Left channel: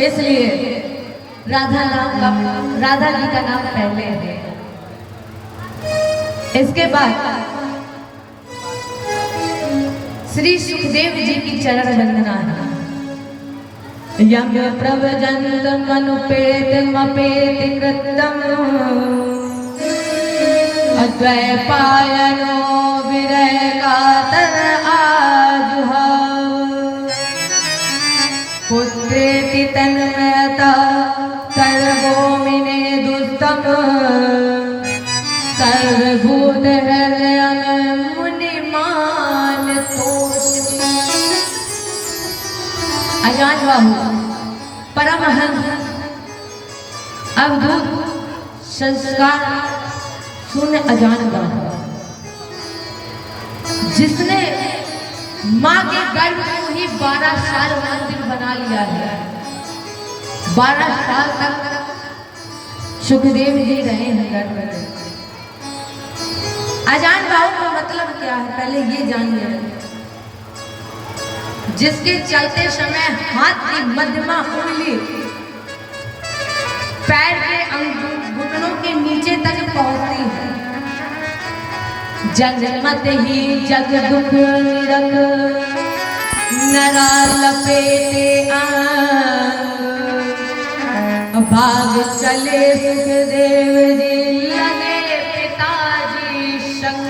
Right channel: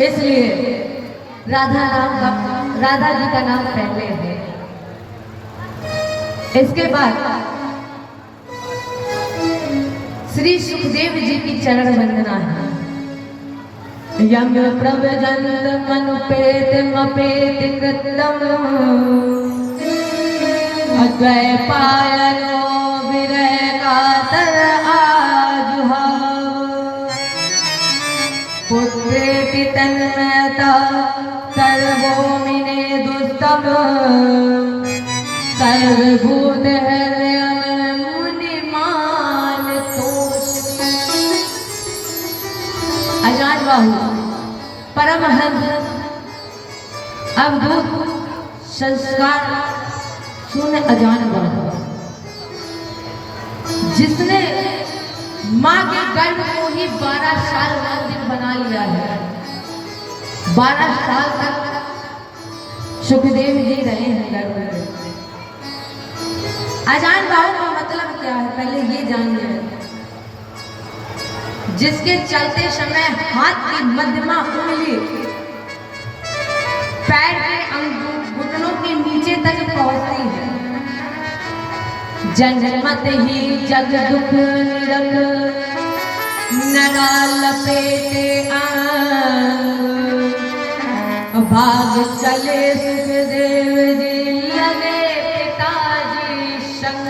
इसलिए राधा जी का नाम पहले है। इसके बाद श्री सुखदेव जी की चरण वंदना है। यम प्रभजंत मनुपेत मपेत कृतम अद्वैपायनो विरह कातर आजुहाव पुत्रेति तन्मयता सर्वोमिने दुस्तम सर्वभूत हृदयं मुनिमान तोषति। अजान बाहु परमहंस अवधूत संस्कार शून्य अजान बाहु, जिसने माँ के गर्भ को ही 12 साल मंदिर बना लिया है। 12 साल तक सुखदेव जी रहे हैं गर्भ में। अजान बाहु का मतलब क्या है पहले ये जान लें। जिसके चलते समय हाथ की मध्यमा उंगली पैर के घुटनों के नीचे तक पहुंचती है। जन्मत ही जग दुख निरत नरा लपेटे भाग चले सुखदेव जी लगे पिताजी संग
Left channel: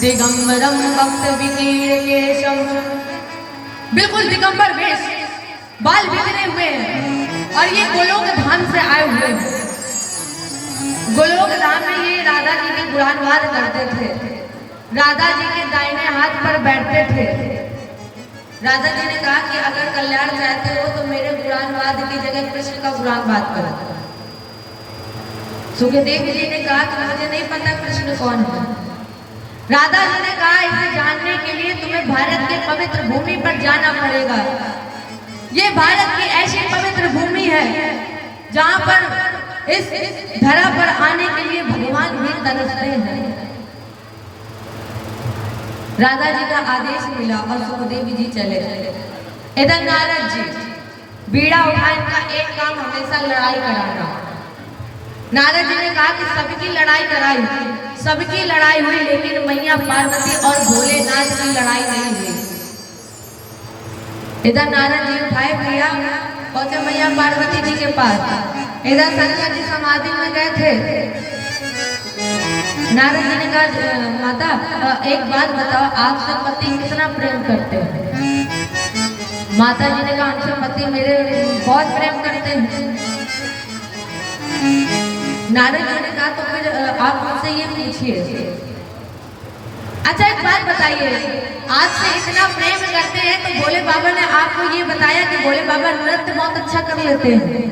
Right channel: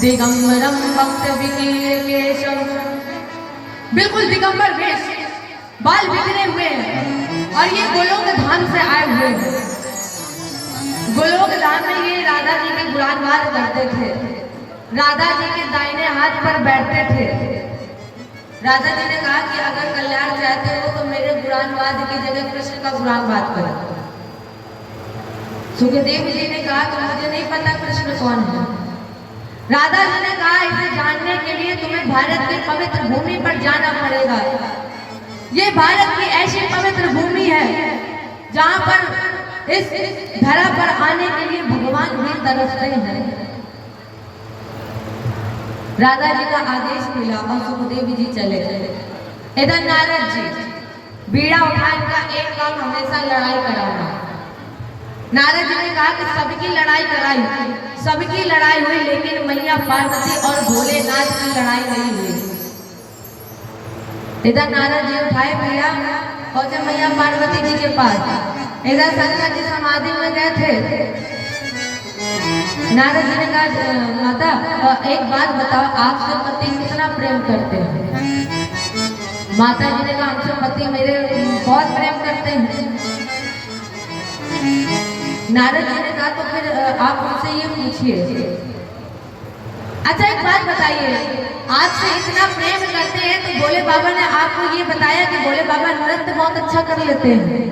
दिगंबरम भक्त विकीर केशव। बिल्कुल दिगंबर वेश, बाल बिखरे हुए हैं और ये गोलोक धाम से आए हुए हैं। गोलोक धाम में ये राधा जी के गुणानुवाद करते थे। राधा जी के दाहिने हाथ पर बैठते थे। राधा जी ने कहा कि अगर कल्याण चाहते हो तो मेरे गुणानुवाद की जगह कृष्ण का गुणानुवाद करो। सुखदेव जी ने कहा कि मुझे नहीं पता कृष्ण कौन है। राधा जी ने कहा इसे जानने के लिए तुम्हें भारत के पवित्र भूमि पर जाना पड़ेगा। ये भारत की ऐसी पवित्र भूमि है जहां पर इस धरा पर आने के लिए भगवान भी तरसते हैं। राधा जी का आदेश मिला और सुखदेव जी चले गए। इधर नारद जी बीड़ा उठा, इनका एक काम हमेशा लड़ाई कराना। नारद जी ने कहा कि सबकी लड़ाई कराई, सबकी लड़ाई हुई, लेकिन मैया पार्वती और भोलेनाथ की लड़ाई नहीं हुई। इधर नारद जी उठाए भैया पहुंचे मैया पार्वती जी के पास। इधर शंकर जी समाधि में गए थे। नारद जी ने कहा माता एक बात बताओ, आपसे पति कितना प्रेम करते हैं? माता जी ने कहा आपसे पति मेरे बहुत प्रेम करते हैं। नारद जी ने कहा तो फिर आप मुझसे ये पूछिए। अच्छा एक बात बताइए, आपसे इतना प्रेम करते हैं तो भोले बाबा ने आपको ये बताया कि भोले बाबा नृत्य बहुत अच्छा कर लेते हैं?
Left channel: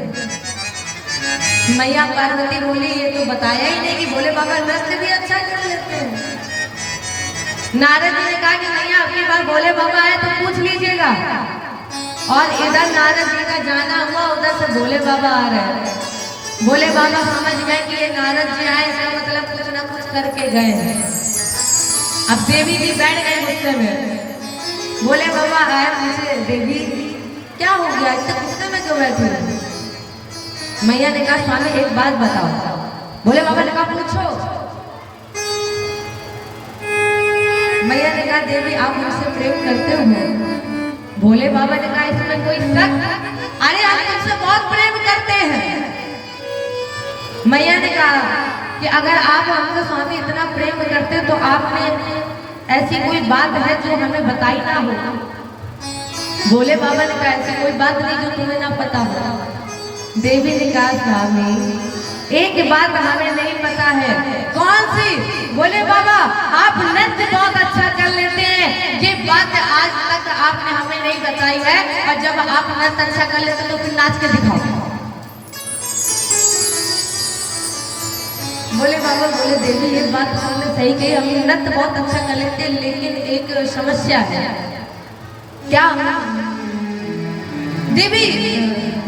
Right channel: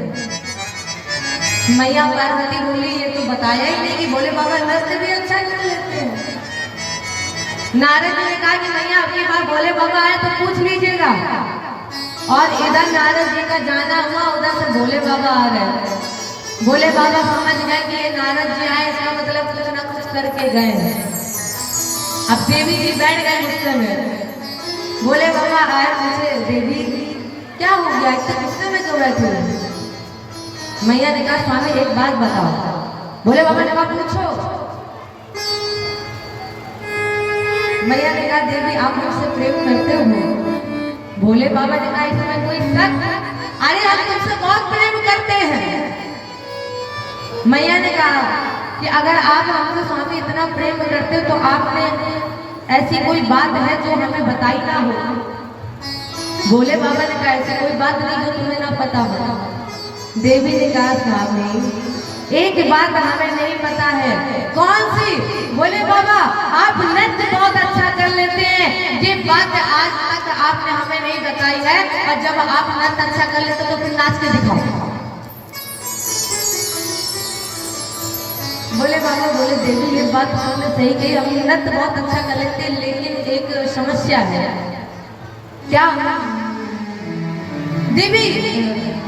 मैया पार्वती बोली ये तो बताया ही नहीं कि भोले बाबा नृत्य भी अच्छा कर लेते हैं। नारद जी ने कहा कि मैया आपकी बात भोले बाबा आए तो पूछ लीजिएगा। और इधर नारद जी का जाना हुआ, उधर से भोले बाबा आ रहे हैं। भोले बाबा समझ गए कि ये नारद जी आए, इसका मतलब कुछ ना कुछ करके गए हैं। अब देवी भी बैठ गए गुस्से में। भोले बाबा आए, पूछे देवी क्या हो गया, इतने गुस्से में क्यों बैठे हो? मैया ने कहा स्वामी एक बात बताओ। भोले बाबा ने कहा पूछो। मैया ने कहा देवी आप मुझसे प्रेम करते हो? भोले बाबा ने कहा इसमें कोई शक? अरे हम तुमसे बहुत प्रेम करते हैं। मैया ने कहा कि अगर आप हमसे स्वामी इतना प्रेम करते हो तो आपने ऐसी कोई बात है जो हमें बताई ना हो? भोले बाबा ने कहा ऐसी कोई बात नहीं जो तुम्हें ना पता हो। देवी ने कहा स्वामी एक बात हमें नहीं पता है। कौन सी? बोले बाबा आप नृत्य बहुत अच्छा कर लेते हैं, ये बात आज तक आपने हमें नहीं बताई है। और जब आप नृत्य अच्छा कर लेते तो फिर नाच के दिखाओ। बोले बाबा बोले देवी ये बात तुमने सही कही, हम नृत्य बहुत अच्छा कर लेते हैं, लेकिन एक समस्या है। क्या? देवी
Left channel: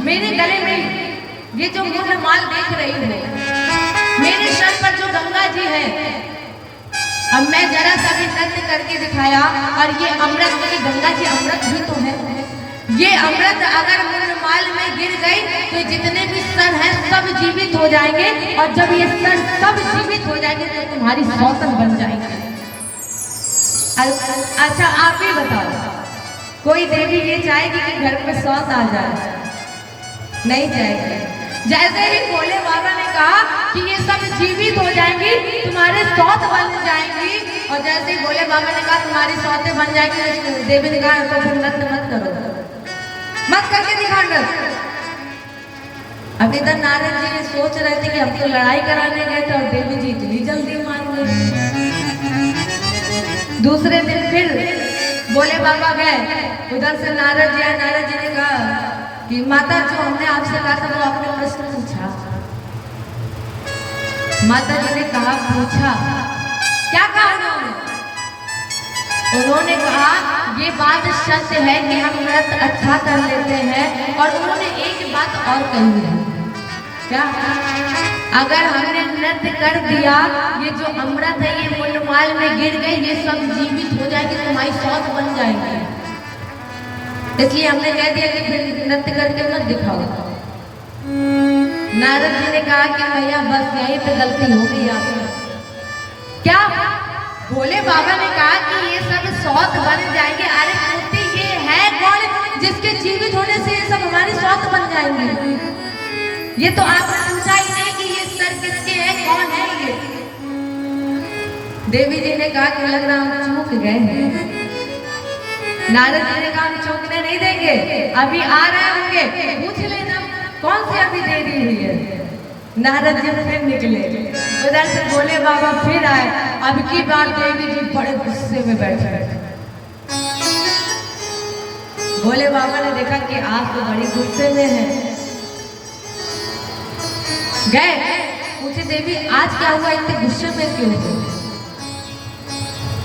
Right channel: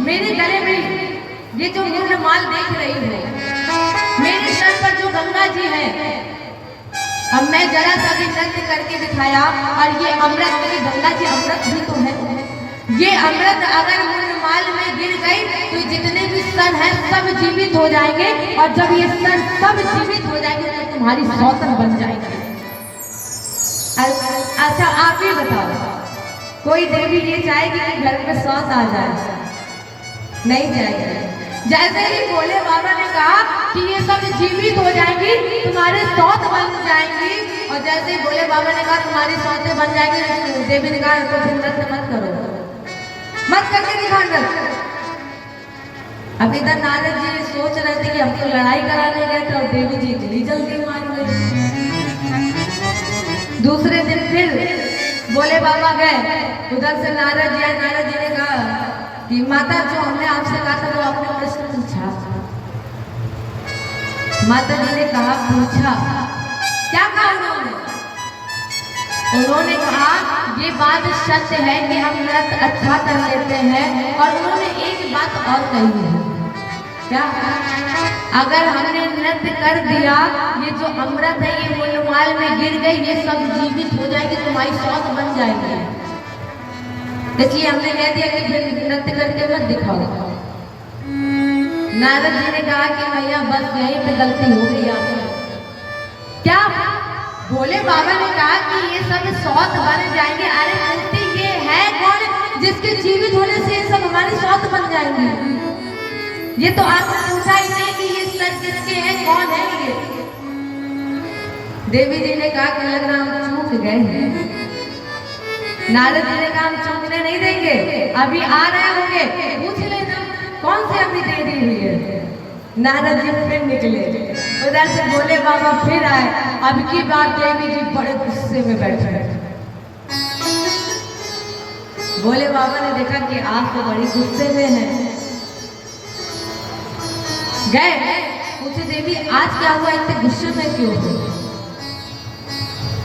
मेरे गले में ये जो मुंड माल देख रही हो, मेरे सर पर जो गंगा जी है, अब मैं जरा सा भी नृत्य करके दिखाया और ये अमृत, मेरी गंगा जी अमृत भी तो है, ये अमृत अगर मुंडमाल में गिर गई तो जितने भी सर हैं सब जीवित हो जाएंगे, और जब ये सर सब जीवित हो जाएंगे तो तुम्हारी सौतन बन जाएगी। अच्छा आप ही बताओ, कोई देवी ये चाहेगी कि घर में सौत आ जाए? नहीं जाएगी। जैसे ही भोले बाबा ने कहा कि ये सब जीवित हो जाएंगी, तुम्हारे सौत बन जाएंगी, और जैसे ही भोले बाबा ने कहा तुम्हारी सौतें बन जाएंगी, देवी ने कहा तो फिर नृत्य मत करो, मत करके दिखाओ नृत्य। अब इधर नारद जी सोच रहे थे कि हम तो लड़ाई कराने गए थे और देवी जी इतनी जल्दी मान गए। दूसरे दिन फिर भोले बाबा गए, उधर से नारद जी आए। नारद जी ने कहा कि माता जो हमने आपसे कहा था वो आपने प्रश्न पूछा। माता जी ने कहा पूछा, क्या कहा उन्होंने? उन्होंने कहा ये बात सत्य है कि हम नृत्य अच्छा कर लेते हैं, और उन्होंने एक बात और कही है। क्या? अगर हमने नृत्य कर दिया, ये जो अमृत है ये मुंडमाल में गिर गई, ये सब जीवित हो जाएगी, तुम्हारी सौत बन जाएगी। इसलिए हमने कह दिया कि फिर नृत्य करके मत दिखाओ। नारद जी ने कहा कि भैया बस यहीं पे गलती हो गई आपने। क्या? भोले बाबा ने कहा कि ये सब सौत बन जाएंगे। अरे मूर्ति ये है कौन जिसके जीवित होने से ये सब हमारी सौत बन जाएंगे? ये तो आपने पूछा ही नहीं कि ये सर किसके हैं, कौन है ये? देवी जी ने कहा कि लग रहा हम चूक गए हैं। नारद जी ने कहा हम चूकने नहीं देंगे, अभी आ रहे होंगे, पूछ लेना कौन सी अभी देरी हुई है। नारद जी फिर निकले, उधर से भोले बाबा फिर आए। अब की बार देवी जी बड़े गुस्से में बैठे। भोले बाबा ने देखा कि आप तो बड़ी गुस्से में हैं। गए पूछे देवी आज क्या हुआ, इतने गुस्से में क्यों हो?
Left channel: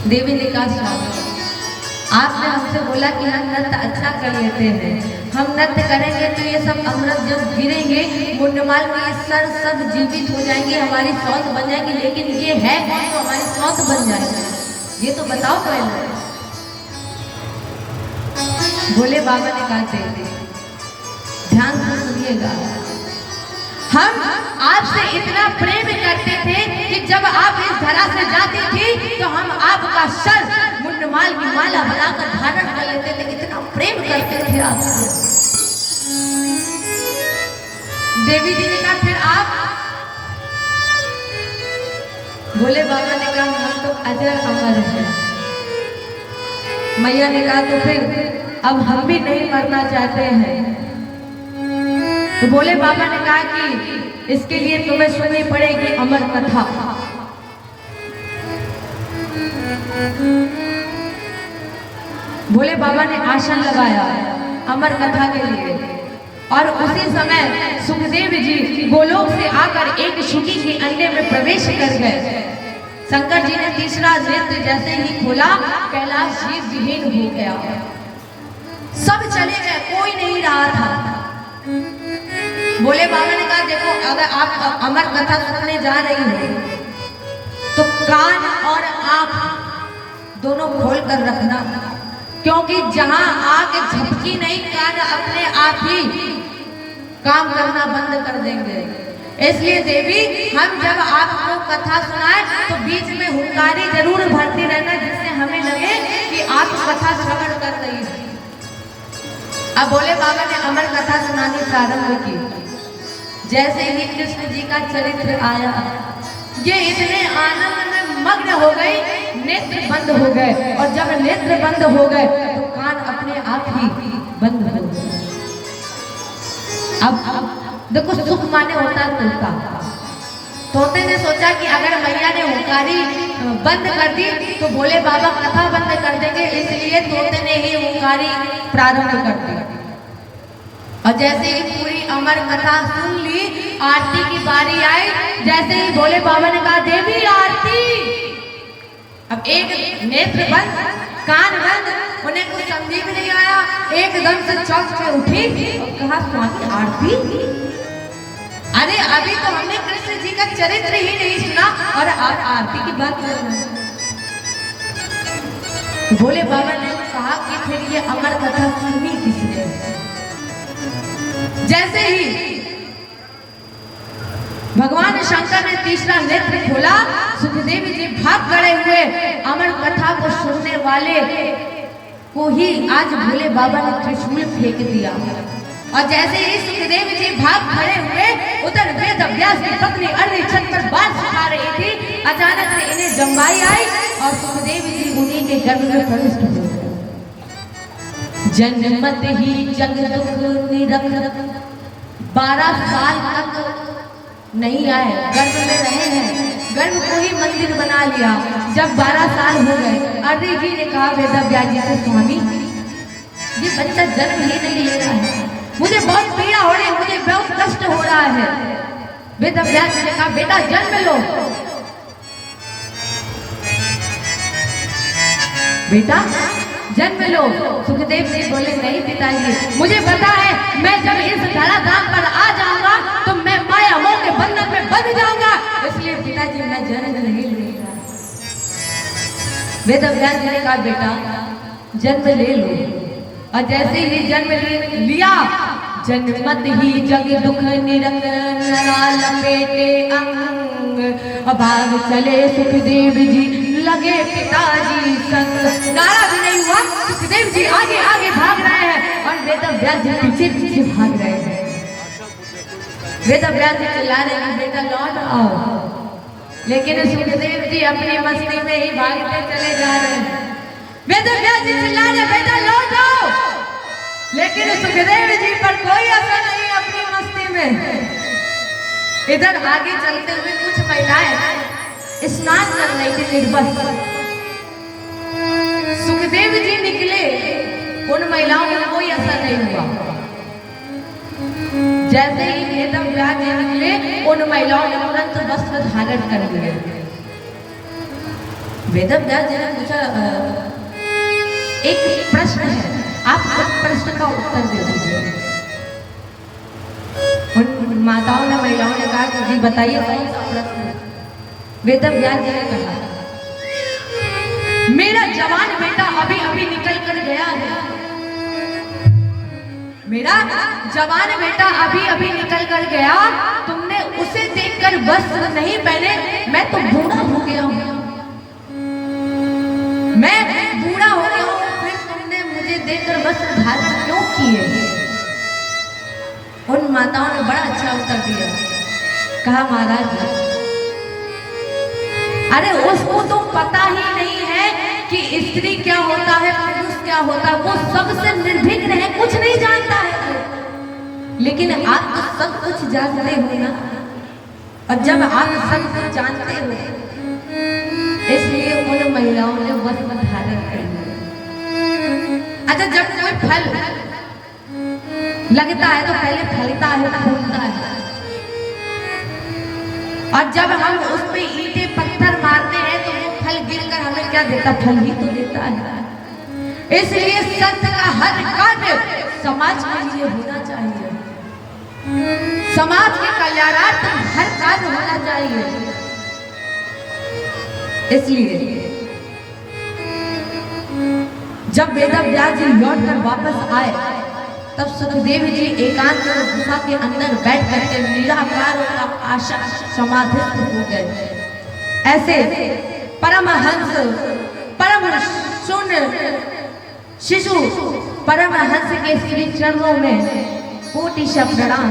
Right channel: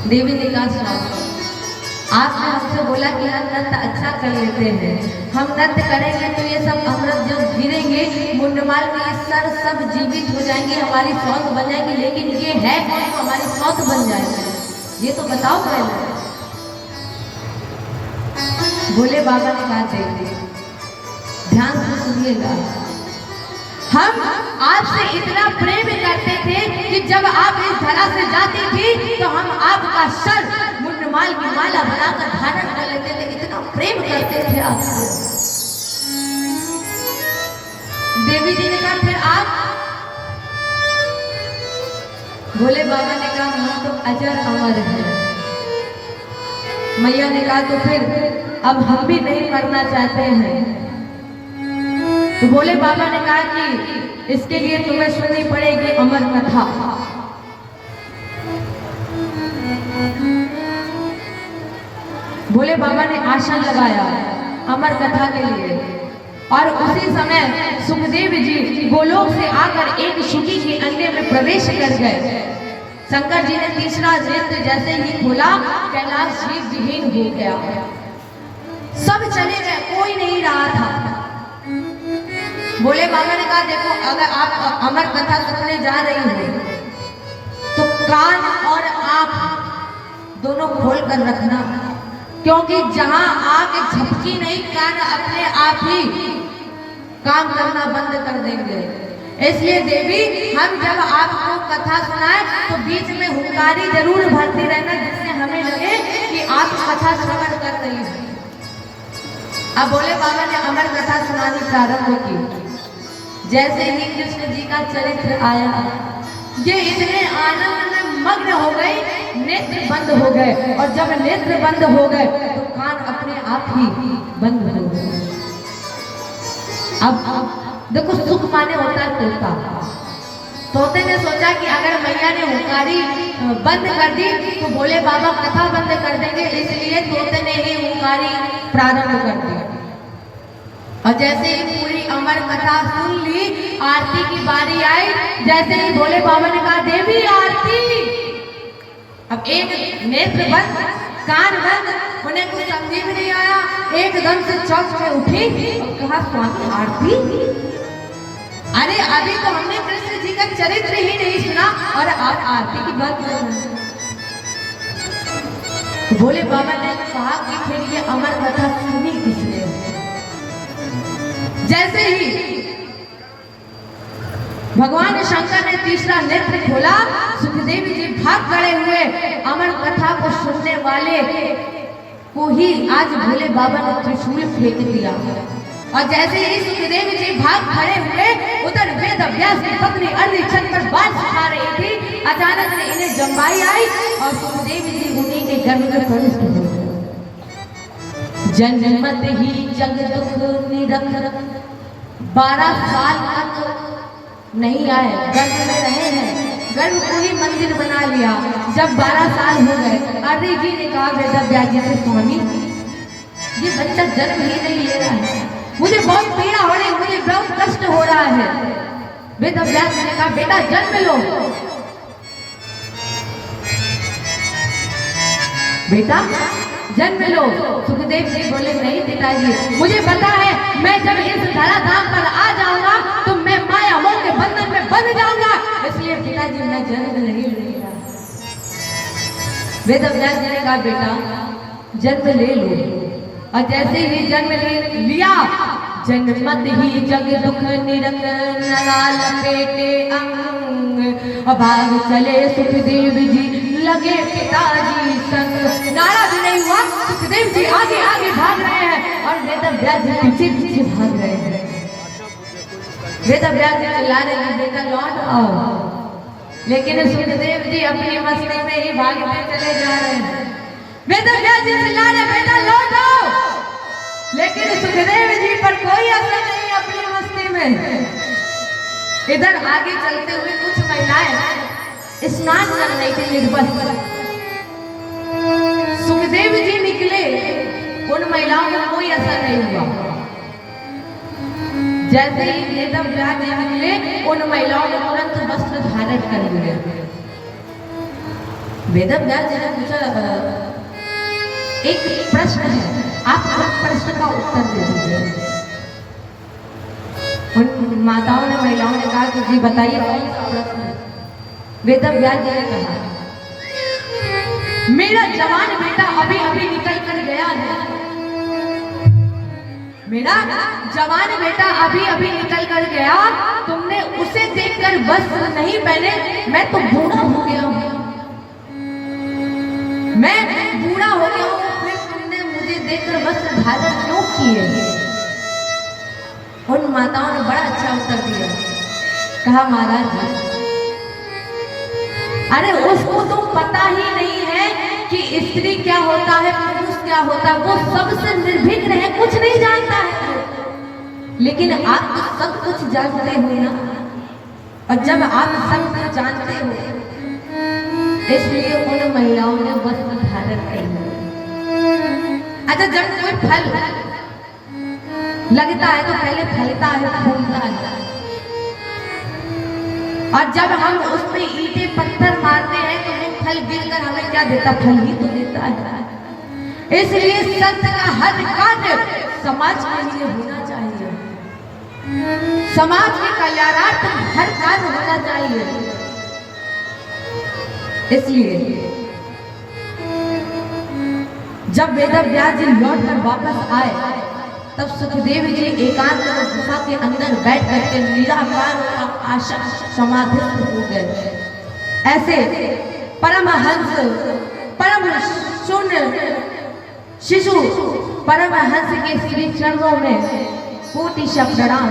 देवी ने कहा स्वामी आपने हमसे बोला कि हम नृत्य अच्छा कर लेते हैं, हम नृत्य करेंगे तो ये सब अमृत जब गिरेंगे मुंडमाल में ये सर सब जीवित हो जाएंगे, हमारी सौत बन जाएगी, लेकिन ये है तो हमारी सौत बन जाएगी, ये तो बताओ पहले। भोले बाबा ने कहा देवी ध्यान से सुनिएगा, हम आपसे इतना प्रेम करते थे कि जब आप इस धरा से जाती थी तो हम आपका सर मुंडमाल की माला बनाकर धारण कर लेते थे, इतना प्रेम करते थे आपसे। देवी जी ने कहा फिर आप? भोले बाबा ने कहा हम तो अजर अमर हैं। मैया ने कहा तो फिर अब हम भी नहीं मरना चाहते हैं। तो भोले बाबा ने कहा कि इसके लिए तुम्हें सुननी पड़ेगी अमर कथा। भोले बाबा ने आसन लगाया अमर कथा के लिए, और उसी समय सुखदेव जी गोलोक से आकर एक शुकी के अंडे में प्रवेश कर गए। शंकर जी ने तीसरा नेत्र जैसे ही खोला, कैलाश जी विहीन हो गया, सब चले गए, कोई नहीं रहा था। भोले बाबा ने कहा देखो अगर आप अमर कथा सुनने जा रही हो तो कान और आंख दोनों खोल कर रखना, क्योंकि जहां आंख झपकी नहीं कान अपने आप ही काम करना बंद कर देंगे। इसलिए देवी हम जब आपको कथा सुनाए तो बीच में हुंकारी जरूर भरती रहना, जिससे हमें लगे कि आप कथा श्रवण कर रही हैं। अब भोले बाबा ने अमर कथा सुनानी प्रारंभ की। जैसे ही कृष्ण जी का चरित्र आया, ये इतने आनंद में मग्न हो गई, नेत्र बंद हो गए, और जब नेत्र बंद हो गए तो कान अपने आप ही बंद हो गए। अब देखो सुख माने होता है तोता। तोते ने सोचा कि अगर मैया ने हुंकारी बंद कर दी तो भोले बाबा कथा बंद कर देंगे, इसलिए तोते ने ही हुंकारी प्रारंभ कर दी। और जैसे ही पूरी अमर कथा सुन ली, आरती की बारी आई। जैसे ही भोले बाबा ने कहा देवी आरती, अब एक नेत्र बंद कान बंद, उन्हें कुछ समझ में नहीं आया, एकदम से चौक में उठी और कहा स्वामी आरती। अरे अभी तो हमने कृष्ण जी का चरित्र ही नहीं सुना और आप आरती की बात कर रहे हैं। भोले बाबा ने कहा कि फिर ये अमर कथा सुनी किसने? जैसे ही भगवान शंकर ने तीसरा नेत्र खोला, सुखदेव जी भाग खड़े हुए। अमर कथा को सुनने वाले को ही आज भोले बाबा ने त्रिशूल फेंक दिया। और जैसे ही सुखदेव जी भाग खड़े हुए, उधर वेद व्यास की पत्नी अर्री छत पर बाल सुखा रही थी। अचानक से इन्हें जम्बाई आई और सुखदेव जी उन्हीं के गर्भ में प्रविष्ट हो गए। जन्मत ही जग दुख निरंतर 12 साल तक नहीं आए, गर्भ में रहे हैं, गर्भ को ही मंदिर बना लिया। जब 12 साल हो गए, अर्री जी ने कहा वेद व्यास जी से, स्वामी ये बच्चा जन्म ही नहीं ले रहा है, मुझे बहुत पीड़ा हो रही है, मुझे बहुत कष्ट हो रहा है। वेद व्यास ने कहा बेटा जन्म लो, बेटा जन्म लो। सुखदेव जी बोले नहीं पिताजी, मुझे पता है मैं जब इस धराधाम पर आ जाऊंगा तो मैं माया मोह के बंधन में बंध जाऊंगा, इसलिए पिताजी मैं जन्म नहीं ले रहा। वेद व्यास जी ने कहा बेटा जन्म ले लो। और जैसे ही जन्म लिया, जन्मत ही जग दुख निरंतर लपेटे अंग, भाग चले सुखदेव जी लगे पिताजी संग। नारा भी नहीं हुआ, सुखदेव जी आगे आगे भाग रहे हैं और वेद व्यास जी पीछे पीछे भाग रहे हैं। वेद व्यास जी चिल्ला रहे हैं बेटा लौट आओ, लेकिन सुखदेव जी अपनी मस्ती में ही भागते चले जा रहे हैं। वेद व्यास जी चिल्ला रहे बेटा लौट आओ, लेकिन सुखदेव जी पर कोई असर नहीं अपनी मस्ती में। इधर आगे चलते हुए कुछ महिलाएं स्नान कर रही थी निर्बल। सुखदेव जी निकले, उन महिलाओं में कोई असर नहीं हुआ। जैसे ही वेद व्यास जी निकले, उन महिलाओं ने तुरंत वस्त्र धारण कर लिए। वेद व्यास जी ने पूछा एक प्रश्न है, आप हर प्रश्न का उत्तर दे दीजिए। उन माताओं ने महिलाओं ने कहा कि जी बताइए कौन सा प्रश्न है। वेद व्यास जी ने कहा मेरा जवान बेटा अभी अभी निकल कर गया है, मेरा जवान बेटा अभी अभी निकल कर गया, तुमने उसे देखकर वस्त्र नहीं पहने, मैं तो बूढ़ा हो गया हूं, मैं बूढ़ा हो गया हूं, फिर तुमने मुझे देखकर वस्त्र धारण क्यों किए। उन माताओं ने बड़ा अच्छा उत्तर दिया, कहा महाराज अरे उसको तो पता ही नहीं है कि स्त्री क्या होता है, पुरुष क्या होता है, वो सबसे निर्भीक है, कुछ नहीं जानता है। लेकिन आप तो सब कुछ जानते हो ना, और जब आप सब कुछ जानते हो इसलिए उन महिलाओं ने वस्त्र धारण किया। अच्छा जब कोई फल लगता है तो पहले फलता है, फूलता है, और जब हम उसमें ईंटे पत्थर मारते हैं तो वो फल गिरकर हमें क्या देता, फल ही तो देता है। इसलिए संत का हर कार्य समाज के लिए होना चाहिए, समाज के कल्याणार्थ हर कार्य होना चाहिए। इसलिए जब वेद व्यास जी लौट कर वापस आए, तब सुखदेव जी एकांत गुफा के अंदर बैठ करके निराकार और आशा समाधिस्थ हो गए। ऐसे परमहंस, परम शून्य शिशु परमहंस के श्री चरणों में कोटि प्रणाम,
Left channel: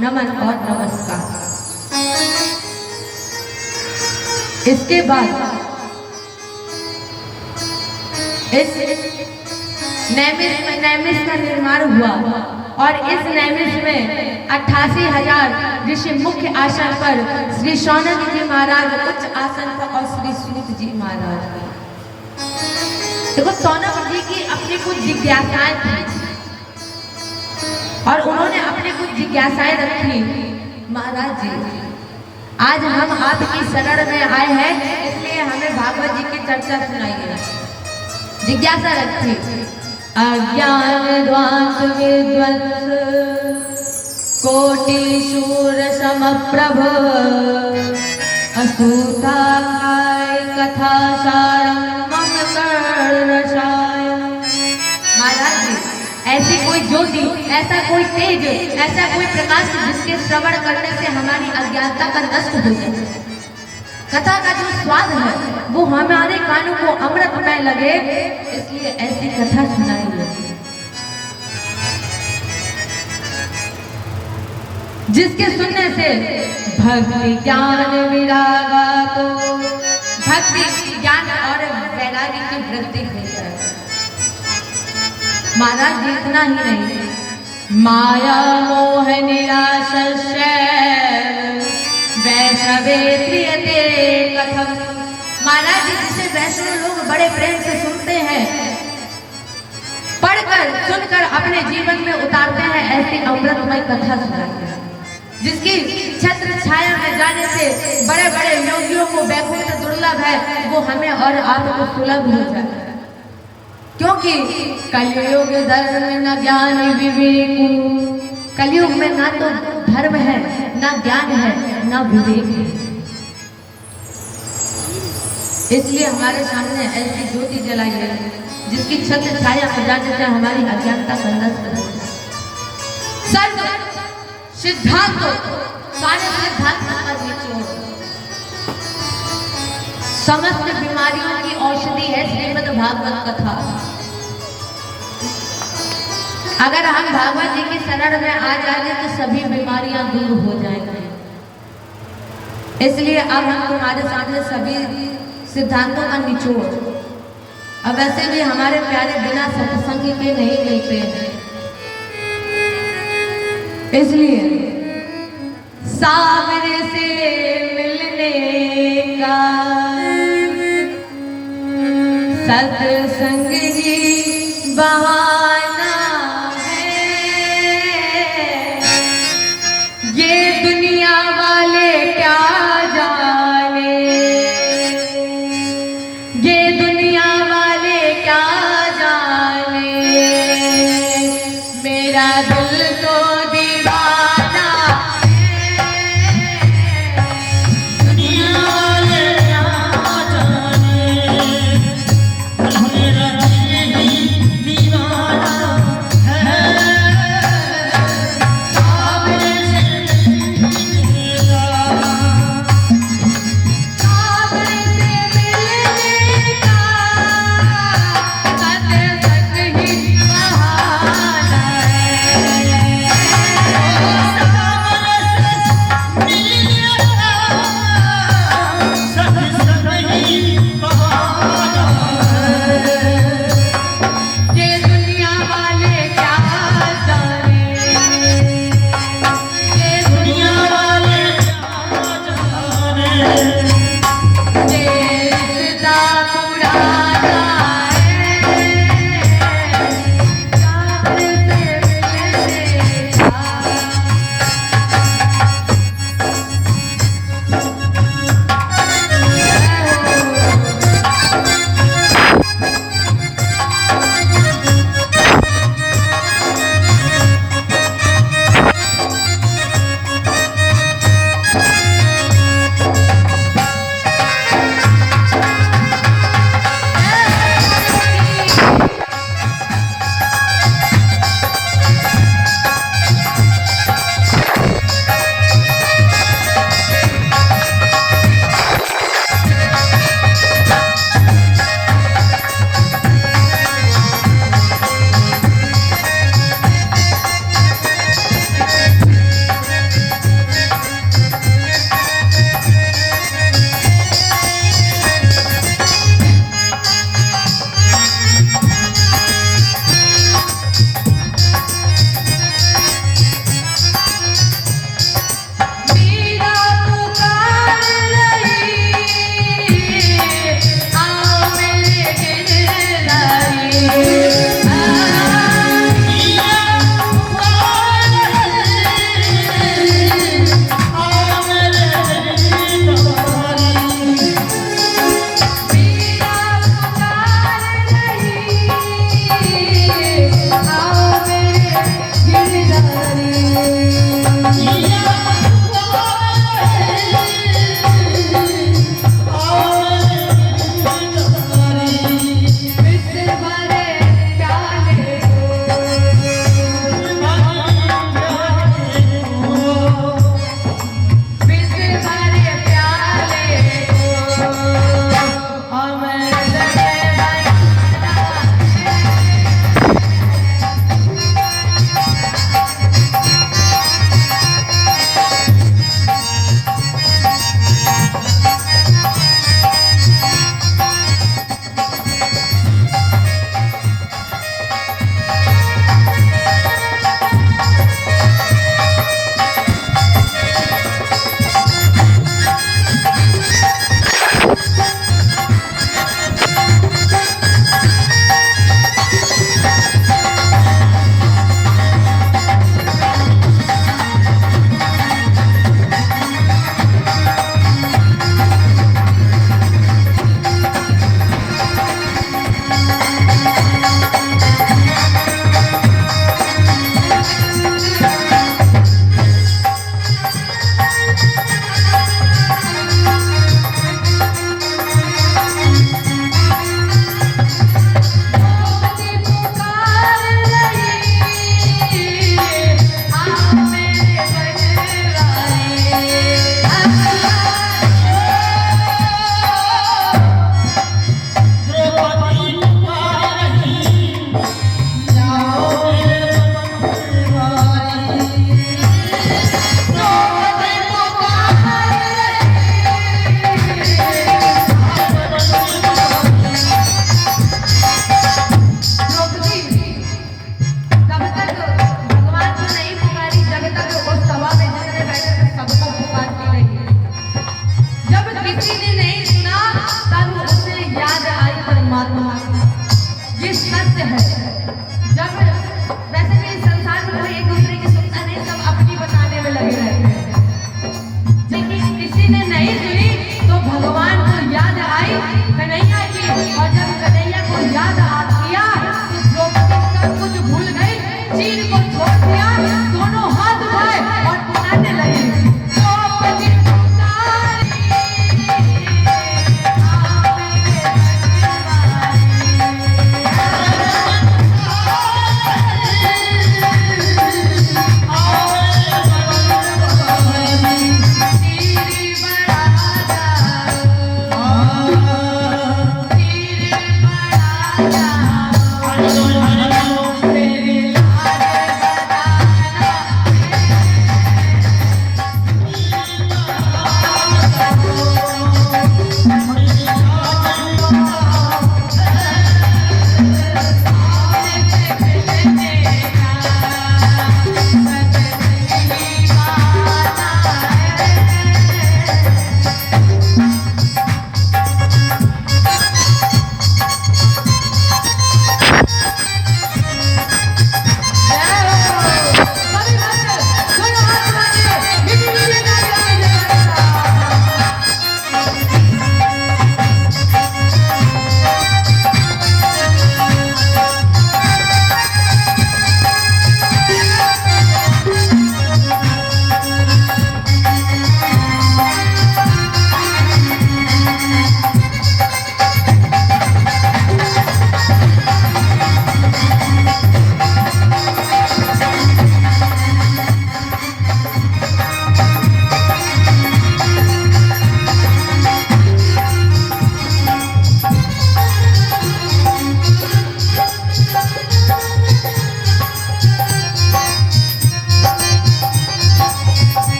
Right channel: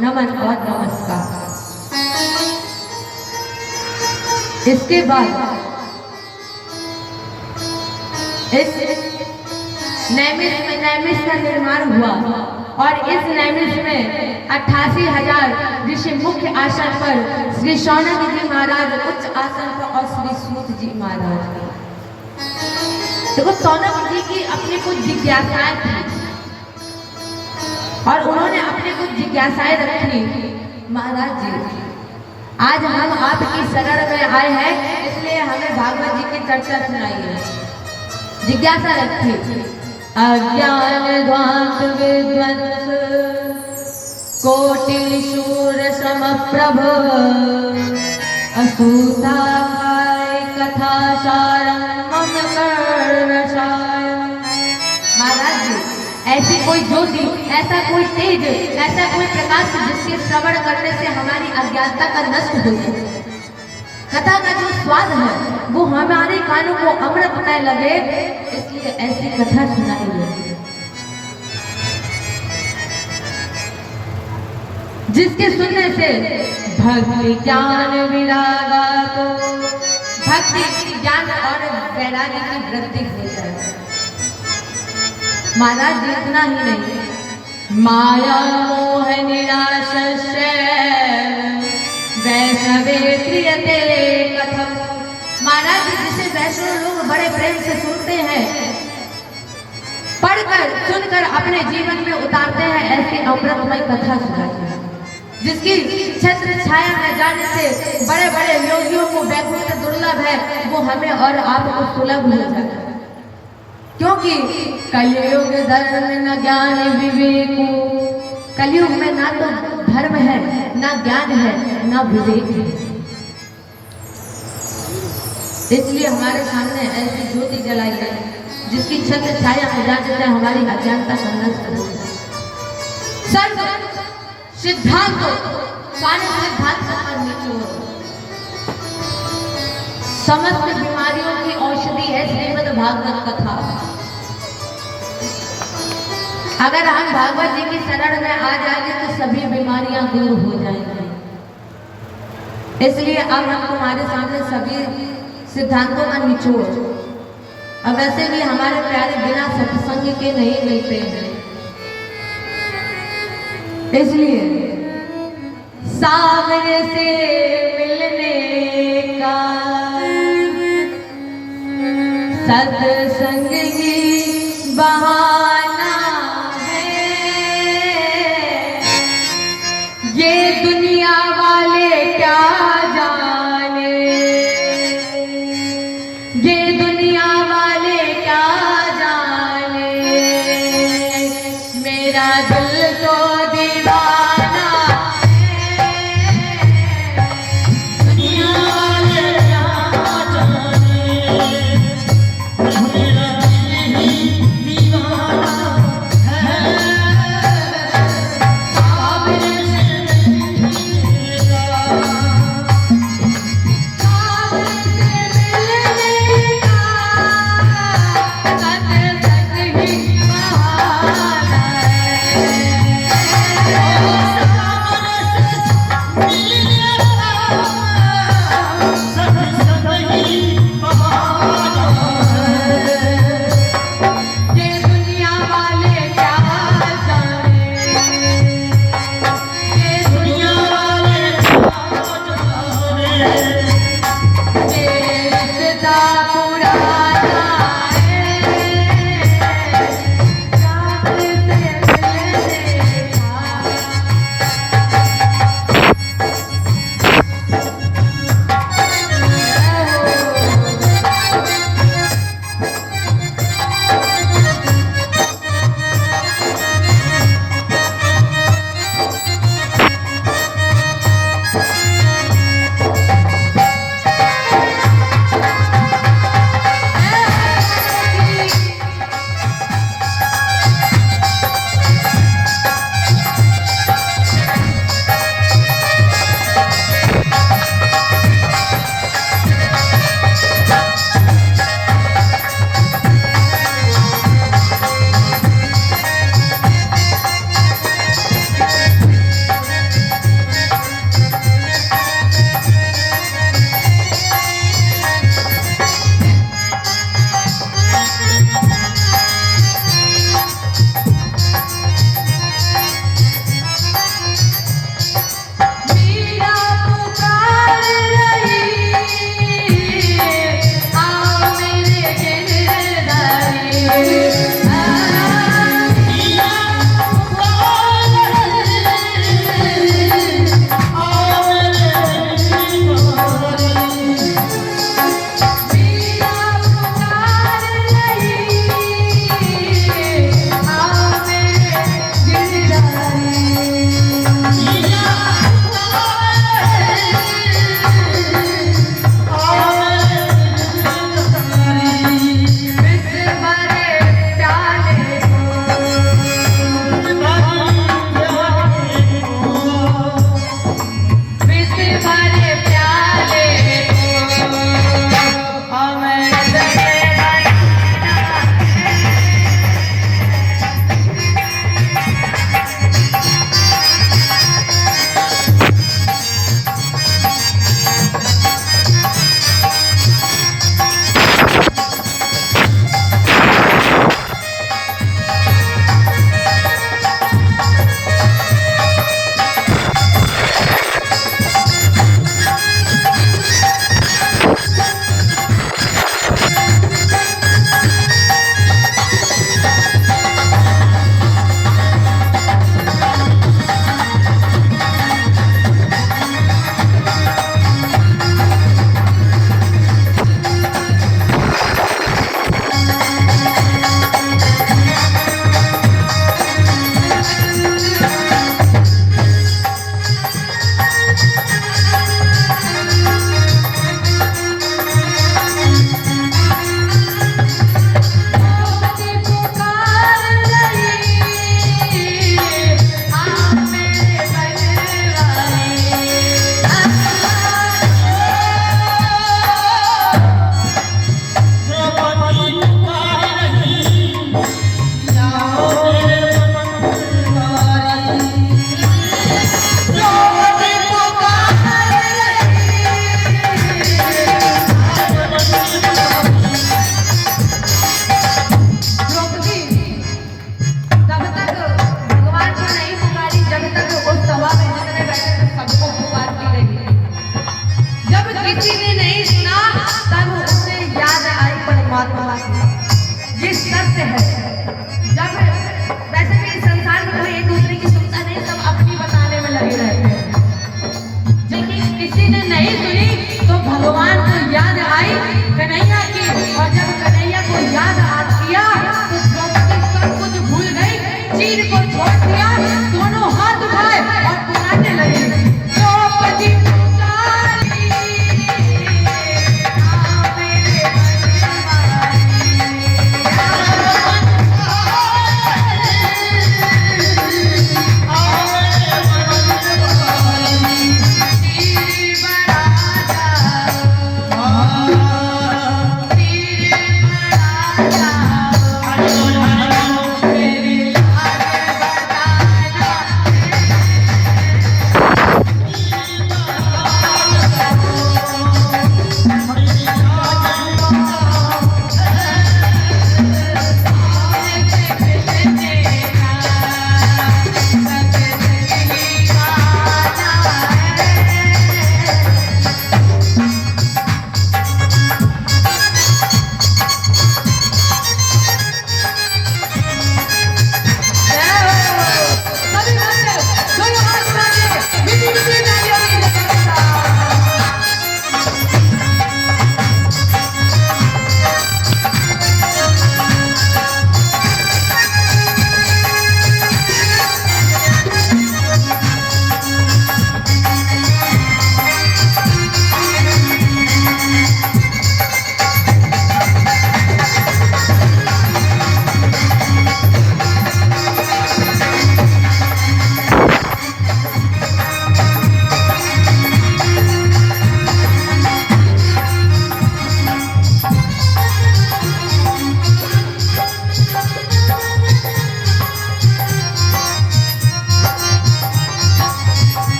नमन और नमस्कार। इसके बाद इस नैमिष का निर्माण हुआ और इस नैमिष में 88,000 ऋषि मुख्य आसन पर, श्री शौनक जी महाराज उच्च आसन पर और श्री सूत जी महाराज। देखो शौनक जी की अपनी कुछ जिज्ञासाएं थी और उन्होंने अपनी कुछ जिज्ञासाएं रखी। महाराज जी आज हम आपकी शरण में आए हैं, इसलिए हमें भागवत जी की चर्चा सुनाइए। जिज्ञासा रखी। अज्ञान ध्वांत विध्वंस कोटि शूर समप्रभ, असूताय कथा सारम मम कर्णशाय। महाराज जी ऐसी कोई कोई ज्योति, ऐसा कोई तेज, ऐसा कोई प्रकाश जिसके श्रवण करने से हमारी अज्ञानता का नष्ट हो जाए। कथा का जो स्वाद है वो हमारे कानों को अमृतमय लगे, इसलिए ऐसी कथा सुनाई जाती है जिसके सुनने से भक्ति ज्ञान विरागा, तो भक्ति ज्ञान और वैराग्य की वृद्धि हो जाए। महाराज जी इतना ही नहीं, माया मोह निराशस्य वैष्णवे प्रियते कथम। महाराज जी जिसे वैष्णव लोग बड़े प्रेम से सुनते हैं, पढ़कर सुनकर अपने जीवन में उतारते हैं, ऐसी अमृतमय कथा सुनाते हैं जिसकी छत्र छाया में जाने से बड़े बड़े योगियों को वैकुंठ दुर्लभ है, वो हमें और आपको सुलभ हो जाता है। क्योंकि कलयुग धर्म न ज्ञान विवेक, कलयुग में ना तो धर्म है, ना ज्ञान है, ना विवेक है। इसलिए हमारे सामने ऐसी ज्योति जलाई है जिसकी छत्र छाया में जाने से हमारी अज्ञानता का नष्ट हो जाए। सर्व सिद्धांत स्वामी सिद्धांत पर निचोड़, समस्त बीमारियों की औषधि है श्रीमद् भागवत कथा। अगर हम भागवत जी की शरण में आ जाएंगे तो सभी बीमारियां दूर हो जाएंगी। इसलिए अब हम तुम्हारे सामने सभी सिद्धांतों का निचोड़, अब वैसे भी हमारे प्यारे बिना सत्संग के नहीं मिलते हैं, इसलिए सामने से मिलने का सत्संग ही बहाना है। ये दुनिया वाले क्या जाने, ये दुनिया वाले क्या जाने, मेरा दिल तो दीवाना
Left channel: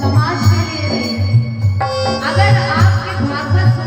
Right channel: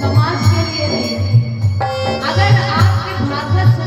समाज के लिए नहीं। अगर आपके भाषा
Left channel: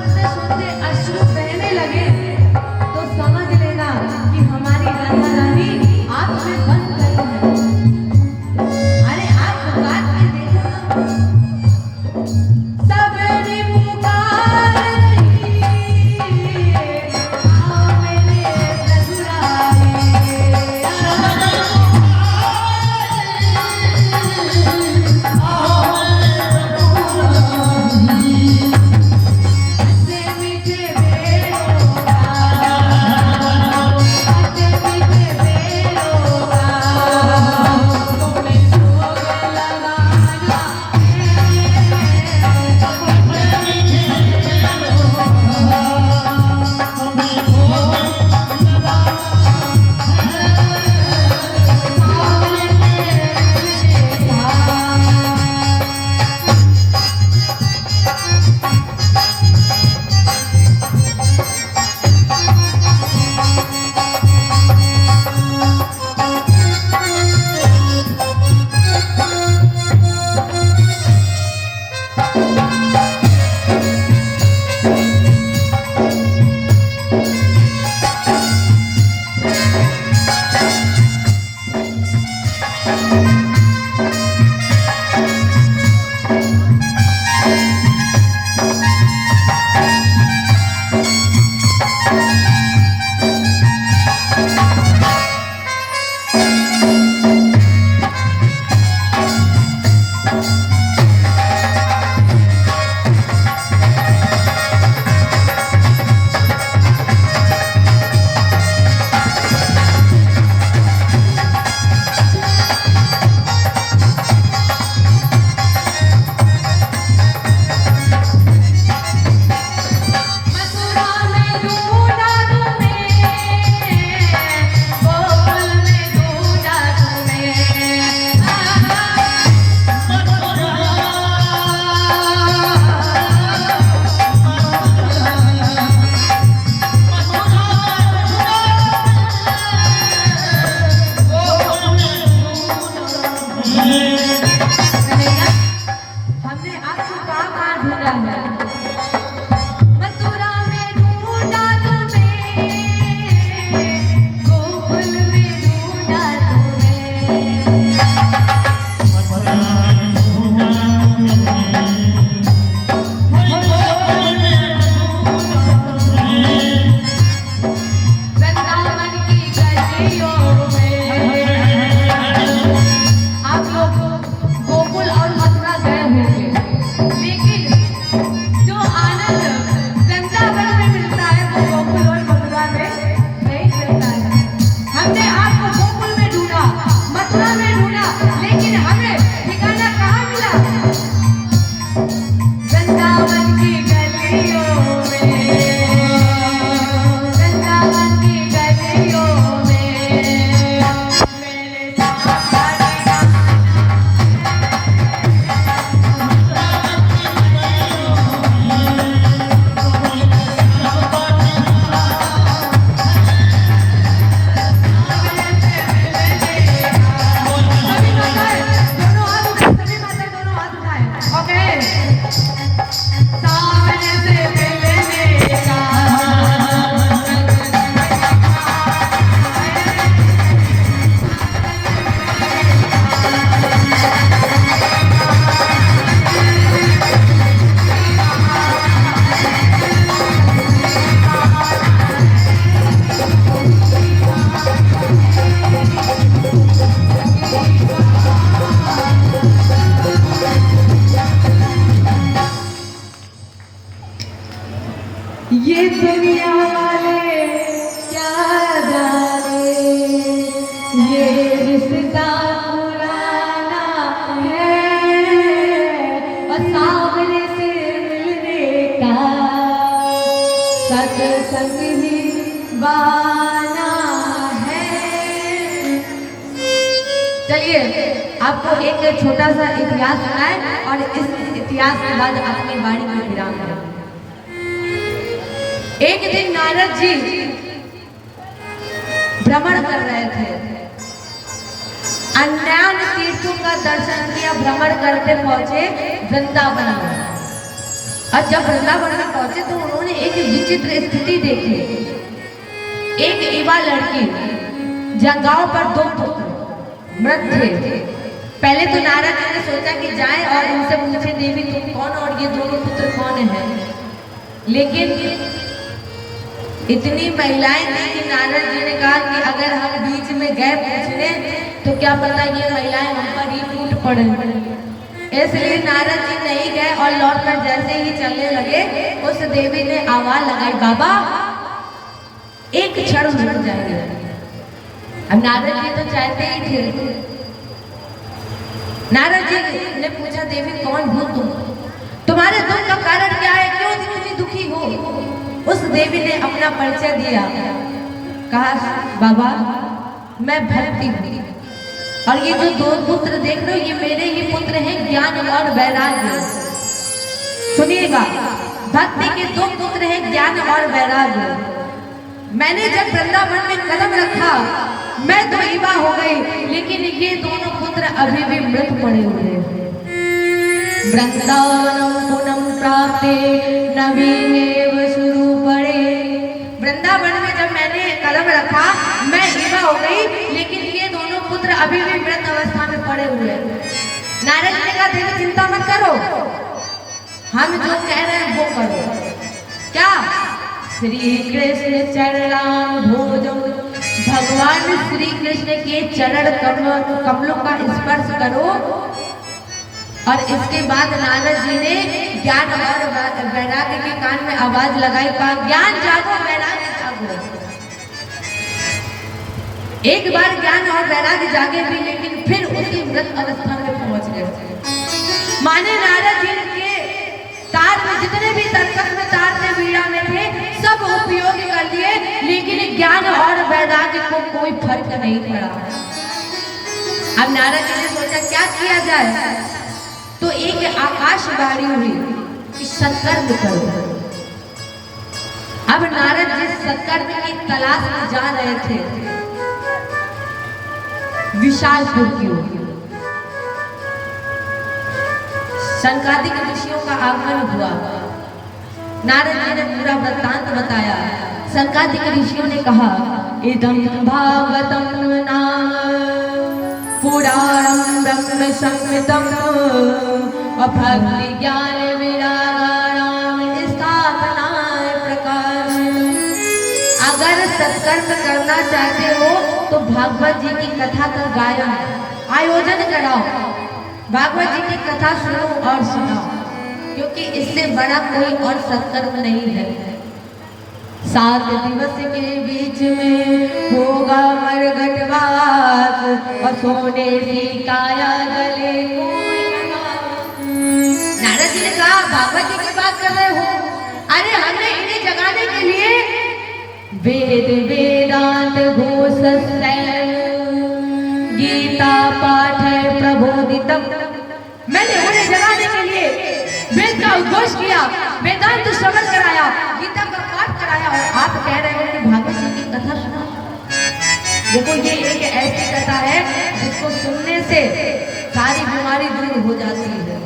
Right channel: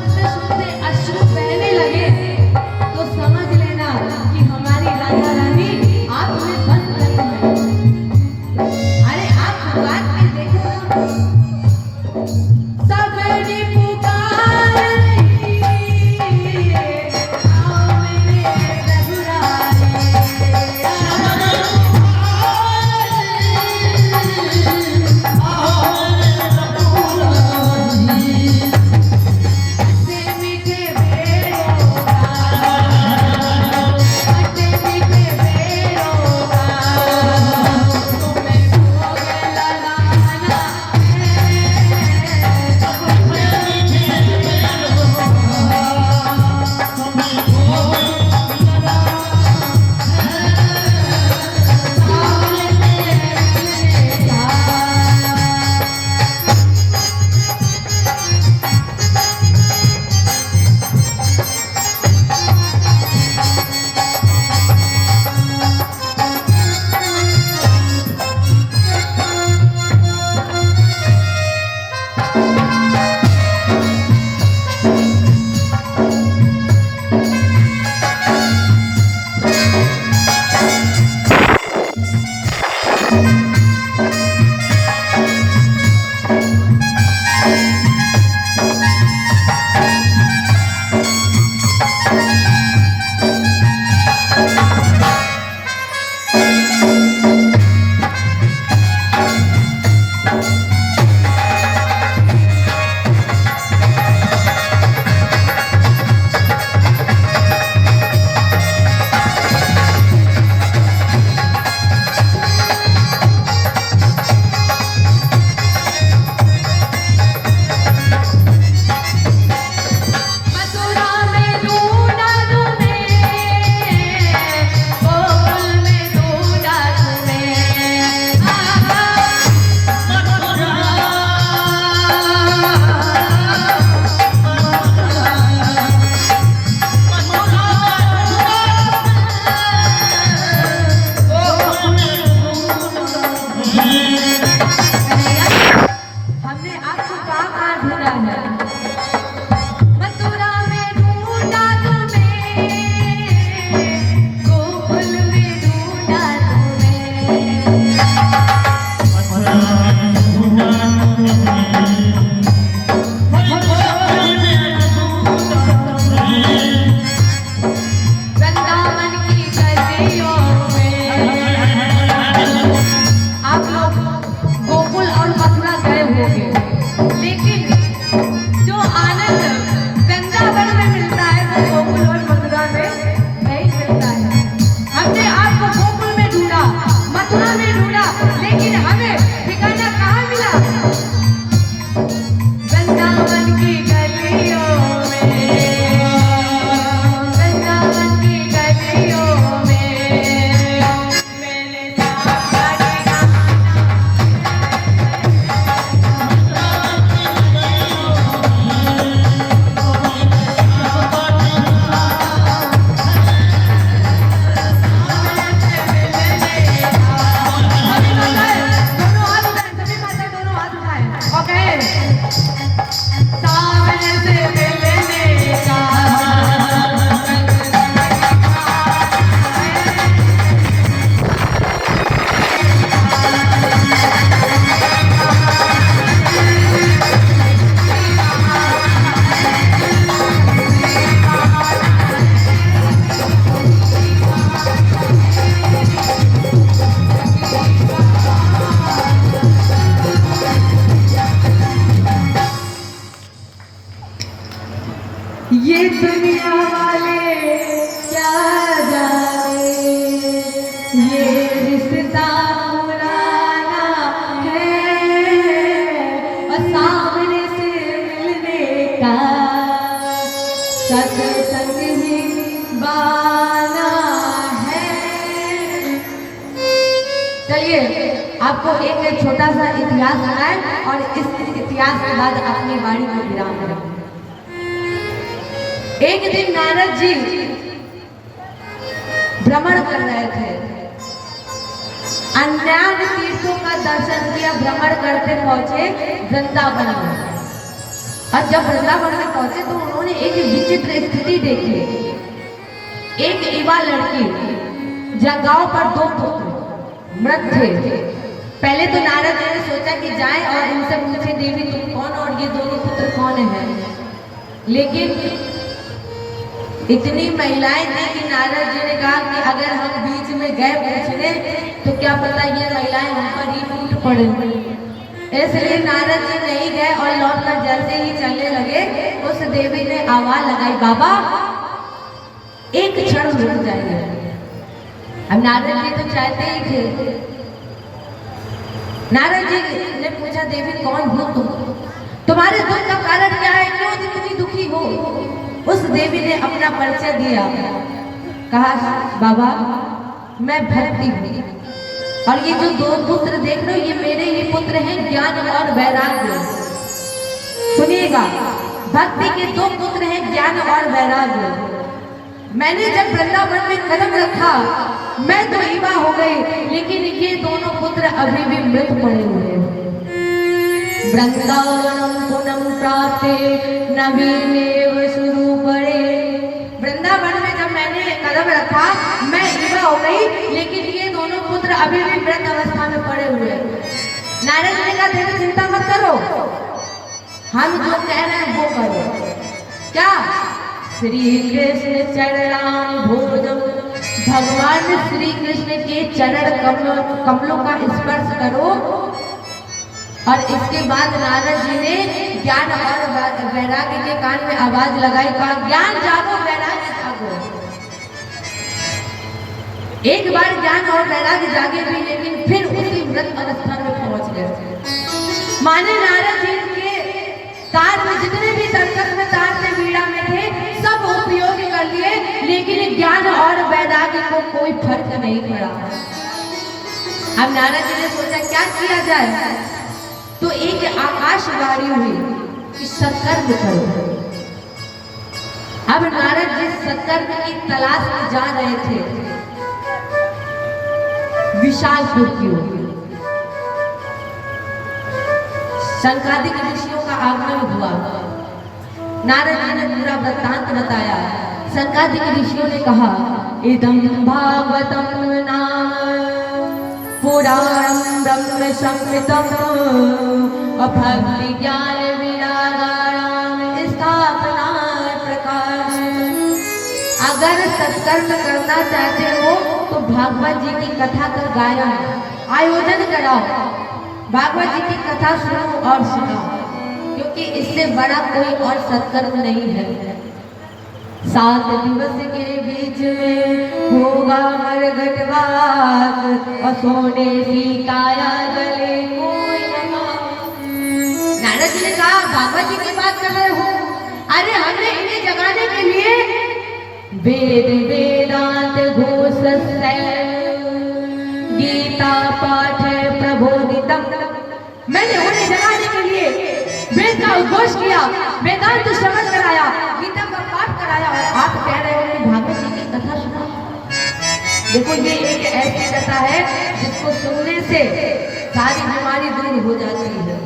ये दुनिया वाले क्या जाने, ये रिश्ता पुराना है और सामने से मिलने का सत्संग ही बाना है। चलिए आपको एक छोटा सा इतिहास सुनाए और इस इतिहास के बाद अपनी वाणी में विराम करें। एक दिन नारद जी भ्रमण कर रहे थे, अन्य तीर्थों का दर्शन किया, भ्रमण करते पहुंचे वृंदावन में। और जब वृंदावन में पहुंचे तो उन्होंने एक विचित्र स्थिति देखी। एक युवा लड़की, गांव पर 2 पुत्र मृत थे। पहले तो नारद जी ने सोचा कि जाएं और उनसे पूछे, देवी तुम कौन और ये दोनों पुत्र कौन हैं? लेकिन इतनी महिलाएं थी कि नारद जी ने कहा कि अगर हम बीच में गए पूछने तो क्या पता ये महिलाएं उन पर ही टूट पड़े। इसलिए नारद जी नहीं गए और लौटकर जैसे ही चलने लगे उस देवी ने आवाज लगाई, बाबा एक क्षण रुक जाइए। अब नारद जी तो चाहते ही थे। नारद जी ने पूछा, देवी कौन हो तुम? तुम्हारे दुख का कारण क्या है? क्यों इतनी दुखी हो? उस देवी ने अपना परिचय दिया, कहा, बाबा मैं भक्ति हूँ और ये जो 2 पुत्र देख रहे हो ये मेरे ही पुत्र हैं, ज्ञान और वैराग्य। सुनिएगा, भक्ति के 2 पुत्र हैं, ज्ञान और वैराग्य। मैंने जब वृंदावन में कदम रखा मैं तो युवा हो गई, लेकिन ये दोनों पुत्र अभी भी मृत पड़े हुए हैं। वृंदावनम पुनम प्राप्ते नवीनेव शुरू पड़े। वृंदावन में जब मैंने कदम रखा मैं युवा हो गई, लेकिन ये दोनों पुत्र अभी भी मृत अवस्था में पड़े हुए हैं। नारद जी ने कहा, देवी चिंता मत करो, हम जो कह रहे हैं वो करो। क्या? श्री कृष्ण चरणाम भोजम, भगवान श्री कृष्ण के चरण कमलों का स्पर्श करो। और इसके बाद नारद जी ने ज्ञान और वैराग्य के कान में आवाज लगाई, कहा, ज्ञान जागो वैराग्य जागो। एक बार ज्ञान और वैराग्य जागे भी, लेकिन फिर उसी मृत अवस्था में पहुंच गए। माने नारद जी के तार में जितने भी सर्कस में तार थे, वीणा में थे, सब उपयोग कर लिए, लेकिन ज्ञान और वैराग्य को कोई फर्क नहीं पड़ा। अब नारद जी ने सोचा क्या किया जाए, तो एक आकाशवाणी हुई कि सत्कर्म करो। अब नारद जी सत्कर्म की तलाश में जा रहे थे विशालपुर की ओर। शंकादिक ऋषियों का आगमन हुआ। नारद जी ने पूरा वृत्तांत बताया। शंकादिक ऋषियों ने कहा, इदं भागवतम नाम पुराणं ब्रह्म संहितं भक्ति ज्ञान विरागाणां स्थापनाय प्रकाश। अगर सत्कर्म करना चाहते हो तो भागवत जी की कथा का गायन आयोजन कराओ, भागवत जी की कथा सुनो और सुनाओ, क्योंकि इससे बड़ा कोई और सत्कर्म नहीं है। 7 दिवस के बीच में होगा मरघटवास और सोने की काया गले कोई नारद जी ने कहा, भागवत जी की बात कर रहे हो? अरे हमने इन्हें जगाने के लिए वेद वेदांत घोष गीता पाठ प्रबोधितम, मैंने उन्हें जगाने के लिए वेद का उद्घोष किया, वेदांत श्रवण कराया, गीता का पाठ कराया, और आप कह रहे हो कि भागवत जी की कथा सुनो। देखो ये एक ऐसी कथा है जिसको सुनने से सारी बीमारी दूर हो जाती है।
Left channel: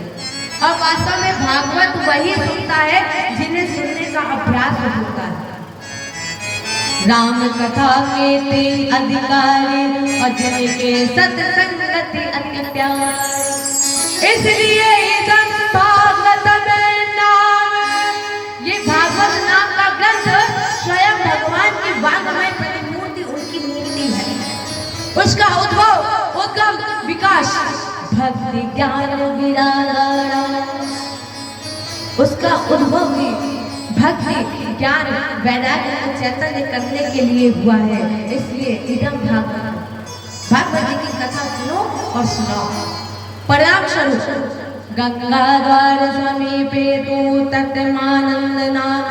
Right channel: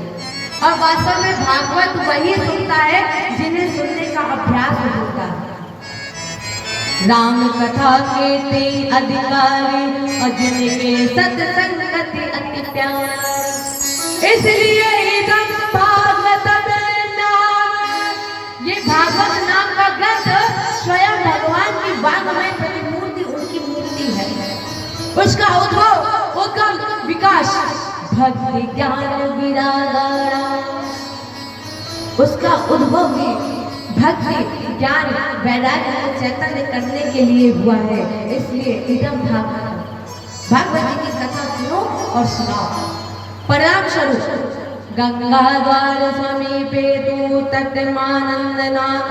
और वास्तव में भागवत वही सुनता है जिन्हें सुनने का अभ्यास होता है। राम कथा के 3 अधिकारी और जिनके सत्संगति अति प्यार, इसलिए इदं भागवतम नाम, ये भागवत नाम का ग्रंथ स्वयं भगवान की वाङ्मय प्रतिमूर्ति, उनकी मूर्ति है। उसका उद्भव, उद्गम, विकास भक्ति ज्ञान विरागाणां, उसका उद्भव भी भक्ति ज्ञान वैराग्य को चैतन्य करने के लिए हुआ है। इसलिए इदम भागवत जी की कथा सुनो और सुनाओ। परिणाम स्वरूप गंगा द्वार समीपे तू तटमानंद नाम,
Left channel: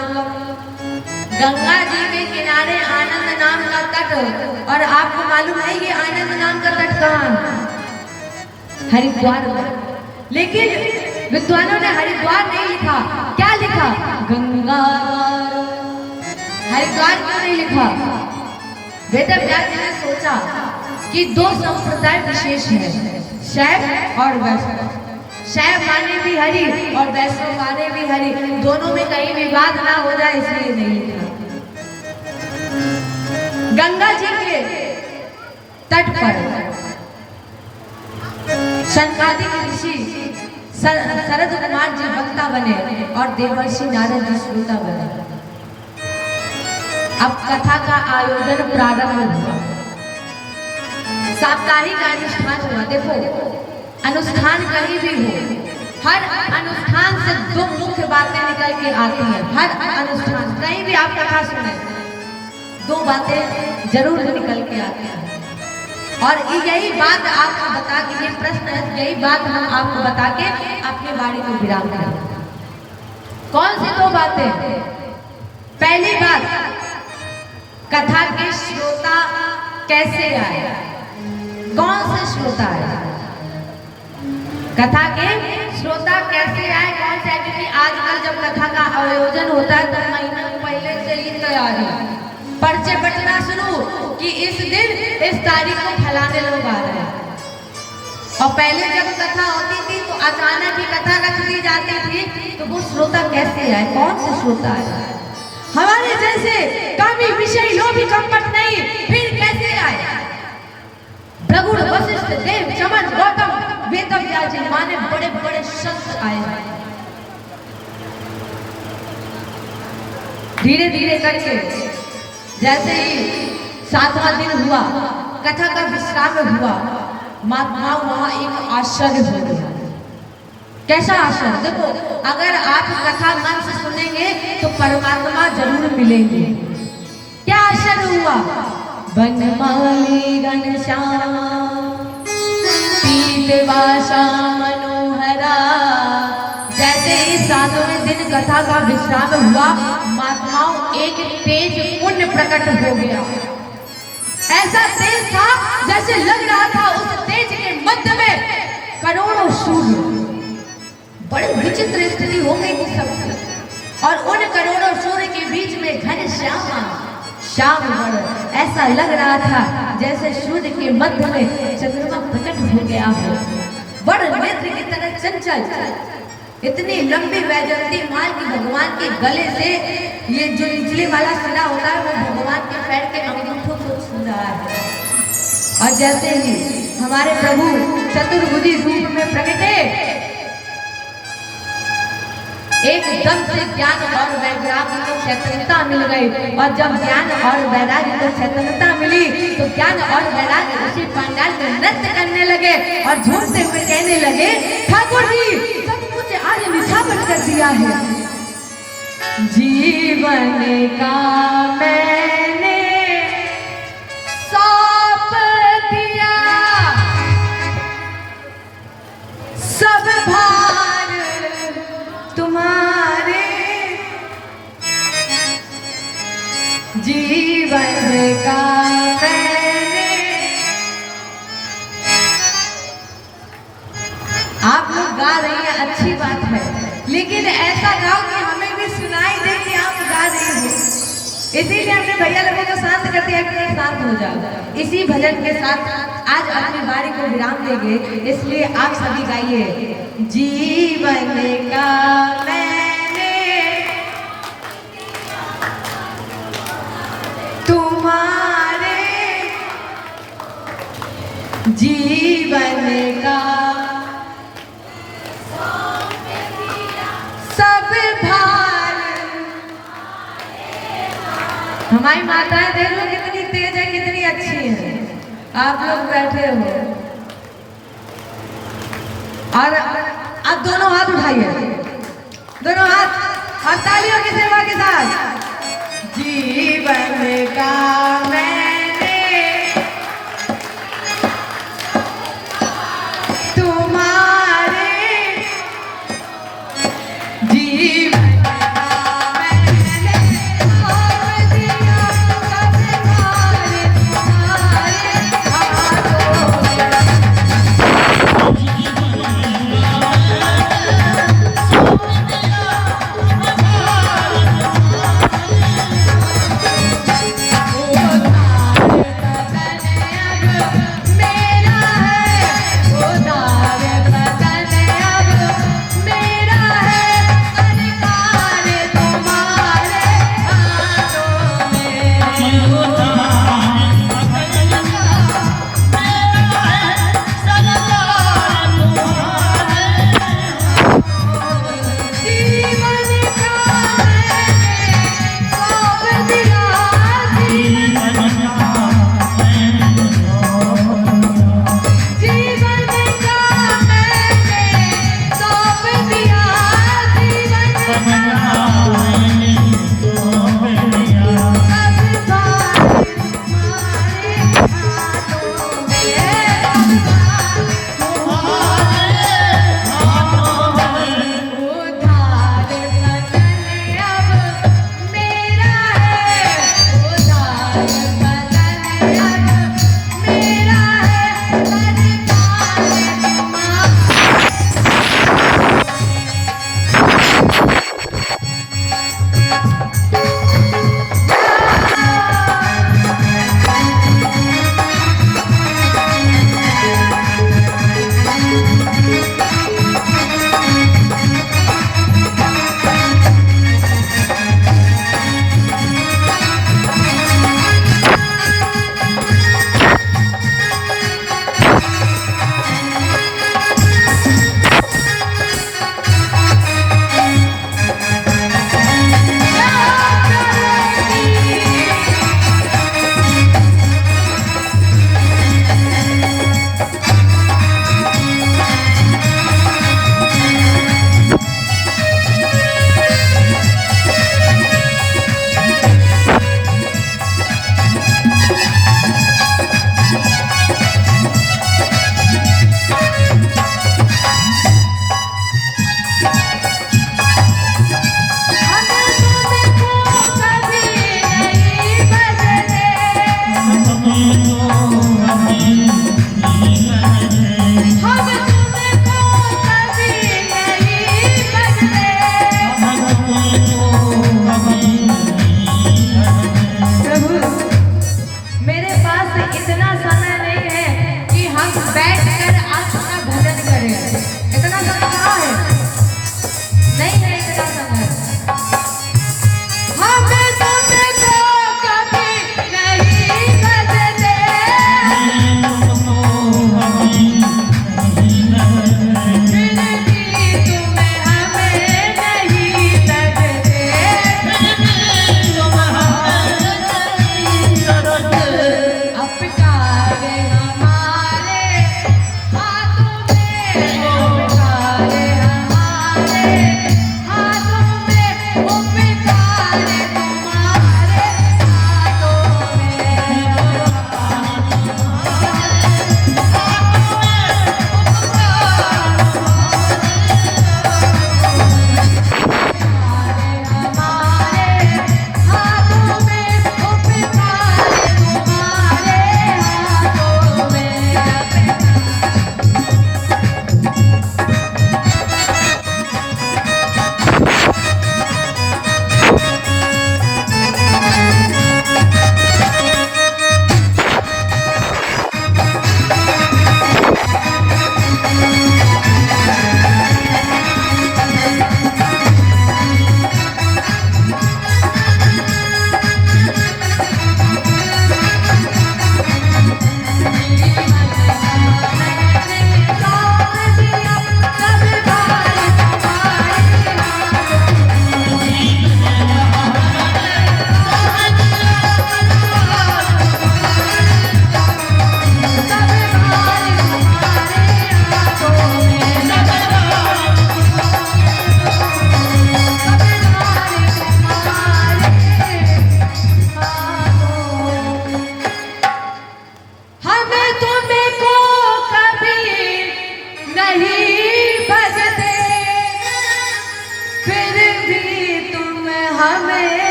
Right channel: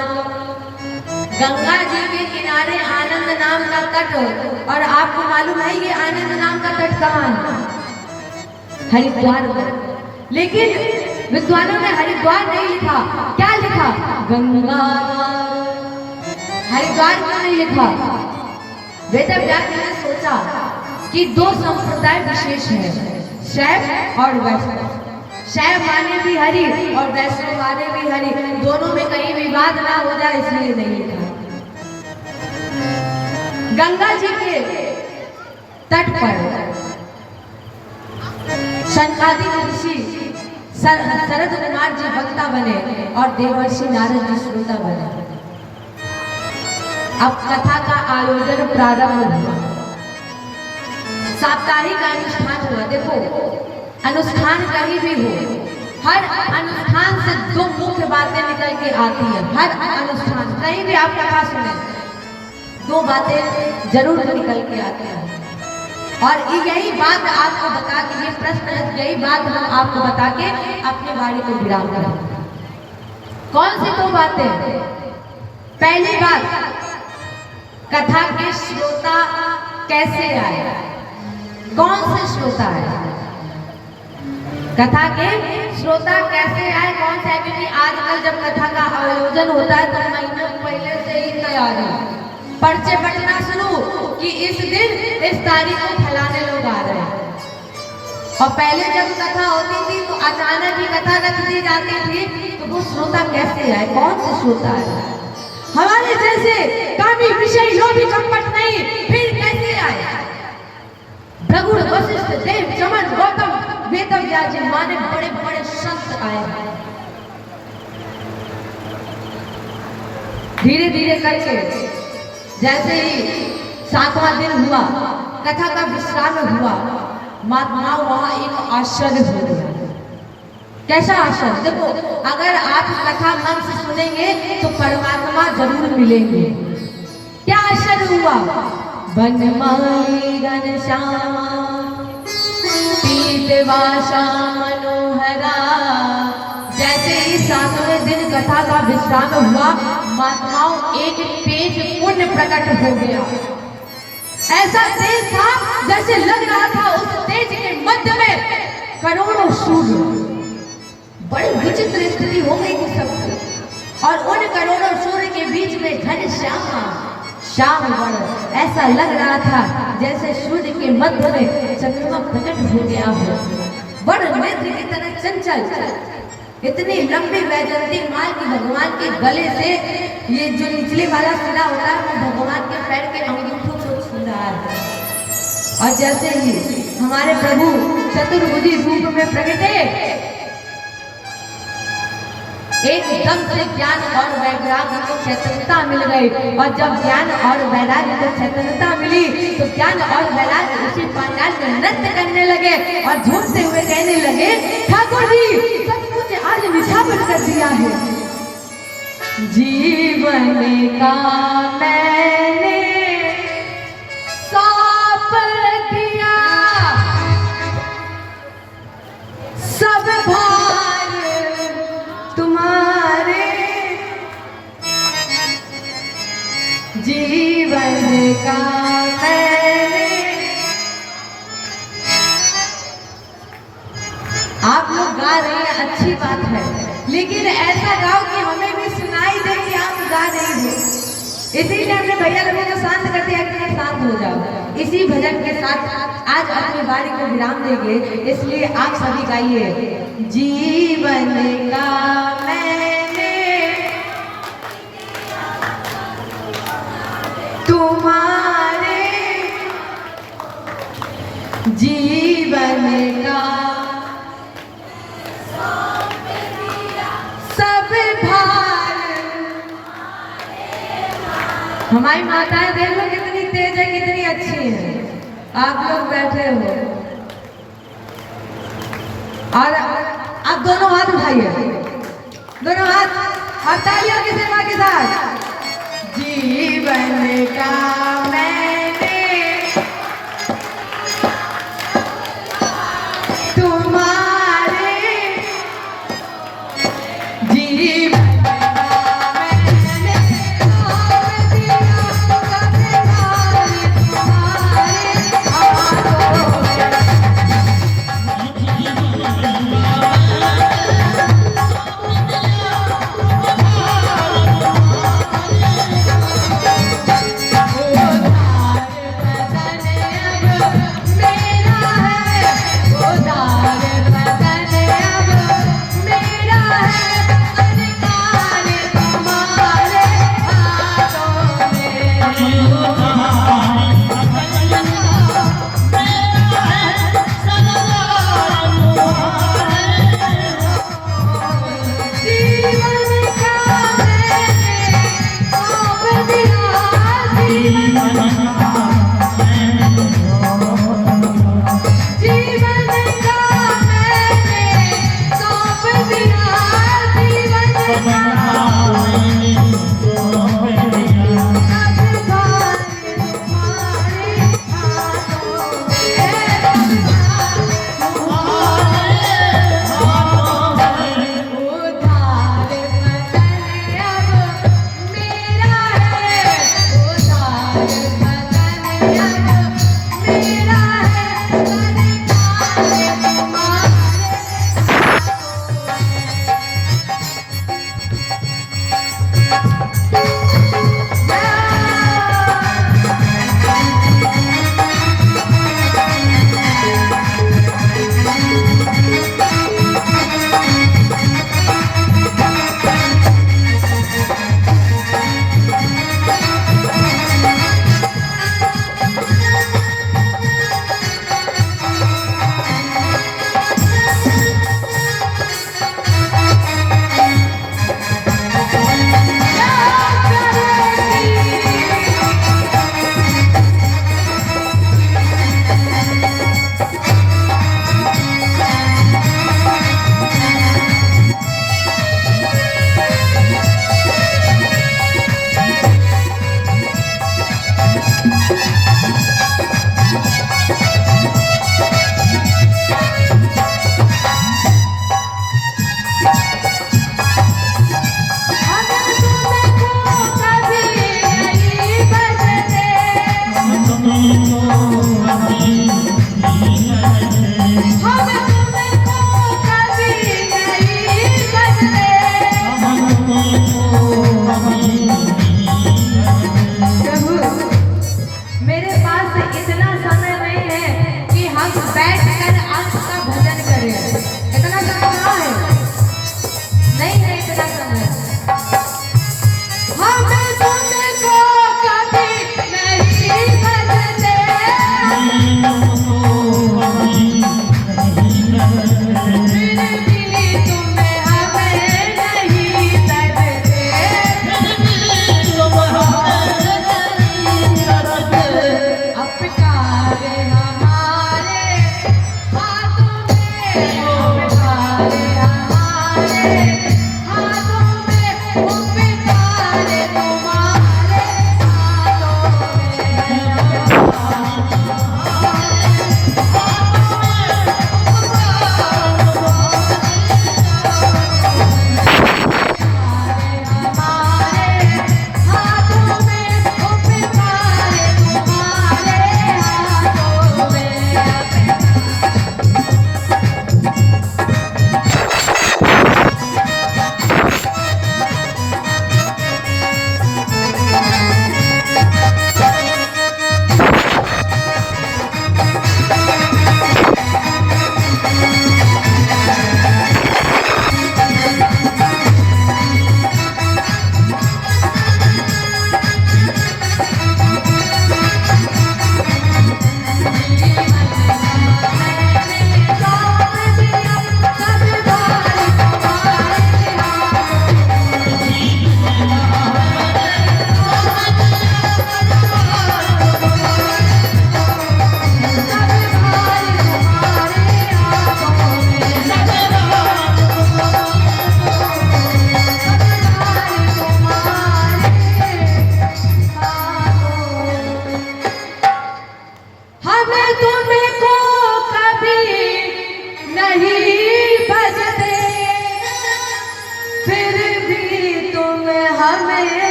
गंगा जी के किनारे आनंद नाम का तट। और आपको मालूम है ये आनंद नाम का तट कहाँ? हरिद्वार में। लेकिन विद्वानों ने हरिद्वार नहीं लिखा, क्या लिखा? गंगा। हरिद्वार क्यों नहीं लिखा? वेद व्यास ने सोचा कि दो संप्रदाय विशेष है, शैव और वैष्णव। शैव माने भी हरि और वैष्णव माने भी हरि, दोनों में कहीं विवाद ना हो जाए इसलिए नहीं लिखा। गंगा जी के तट पर शनकादिक ऋषि शरद कुमार जी वक्ता बने और देवर्षि नारद जी श्रोता बने। अब कथा का आयोजन प्रारंभ हुआ। साप्ताहिक अनुष्ठान हुआ। देखो अनुष्ठान कहीं भी हो, हर अनुष्ठान से दो मुख्य बातें निकल के आती हैं। हर अनुष्ठान कहीं भी आप कथा सुने, दो बातें जरूर निकल के आती हैं। और यही बात आपको बता के, ये प्रश्न है, यही बात हम आपको बता के अपनी वाणी को विराम करें। कौन सी दो बातें? पहली बात, कथा के श्रोता कैसे आए? कौन से श्रोता आए? कथा के श्रोता कैसे आए? कौन से? क्योंकि आजकल जब कथा का आयोजन होता है तो महीना पहले से ही तैयारी, पर्चे बटना शुरू कि इस दिन इस तारीख को फैलाने लोग आ रहे हैं। और पहले जब कथा होती थी तो अचानक ही कथा रख दी जाती थी, तो वो श्रोता कैसे आए? कौन से श्रोता आए? हमारे जैसे कामी विषय लोभी कपट नहीं, फिर कैसे आए? भृगु वशिष्ठ देव चमन गौतम वेदव्यास जी माने बड़े बड़े संत आए हैं। धीरे धीरे करके जैसे ही 7वां दिन हुआ, कथा का विश्राम हुआ, महात्माओं वहां एक आश्चर्य हो गया। कैसा आश्चर्य? देखो अगर आप कथा मन से सुनेंगे तो परमात्मा जरूर मिलेंगे। क्या आश्चर्य हुआ? बनमाली घनश्याम पीतवासा मनोहरा। जैसे ही 7वें दिन कथा का विश्राम हुआ, महात्माओं एक तेज पुण्य प्रकट हो गया। ऐसा तेज था जैसे लग रहा था उस तेज के मध्य में करोड़ों सूर्य। बड़ी विचित्र स्थिति हो गई थी सबकी। और उन करोड़ों सूर्य के बीच में घनश्याम श्याम वर्ण, ऐसा लग रहा था जैसे सूर्य के मध्य में चंद्रमा प्रकट हो गया हो। वर्ण नेत्र की तरह चंचल, इतनी लंबी वैजयंती माल की भगवान के गले से ये जो निचले वाला सिरा होता है वो भगवान के पैर के अंगूठों से छू रहा है। और जैसे ही हमारे प्रभु चतुर्भुजी रूप में प्रकटे, एकदम से ज्ञान और वैराग्य को चैतन्यता मिल गई। और जब ज्ञान और वैराग्य को चैतन्यता मिली तो ज्ञान और वैराग्य उसी पंडाल में नृत्य करने लगे और झूमते हुए कहने लगे, ठाकुर जी सब कुछ आज निछावर कर दिया है। जीवन का मैंने सौंप दिया, सब भार तुम्हारे। जीवन का मैंने, आप लोग गा रही हैं, अच्छी बात है, लेकिन ऐसा गाओ कि हमें भी सुनाई दे कि आप गा रही हो। इसीलिए हमने भैया लोगों को शांत कर दिया कि शांत हो जाओ। इसी भजन के साथ आज अपनी वाणी को विराम देंगे, इसलिए आप सभी गाइए, जीवन का मैंने तुम्हारे, जीवन का सब भार। हमारी माताएं देख लो कितनी तेज है, कितनी अच्छी है। आप लोग बैठे हो और आप दोनों हाथ उठाइए, दोनों हाथ, और तालियों की सेवा के साथ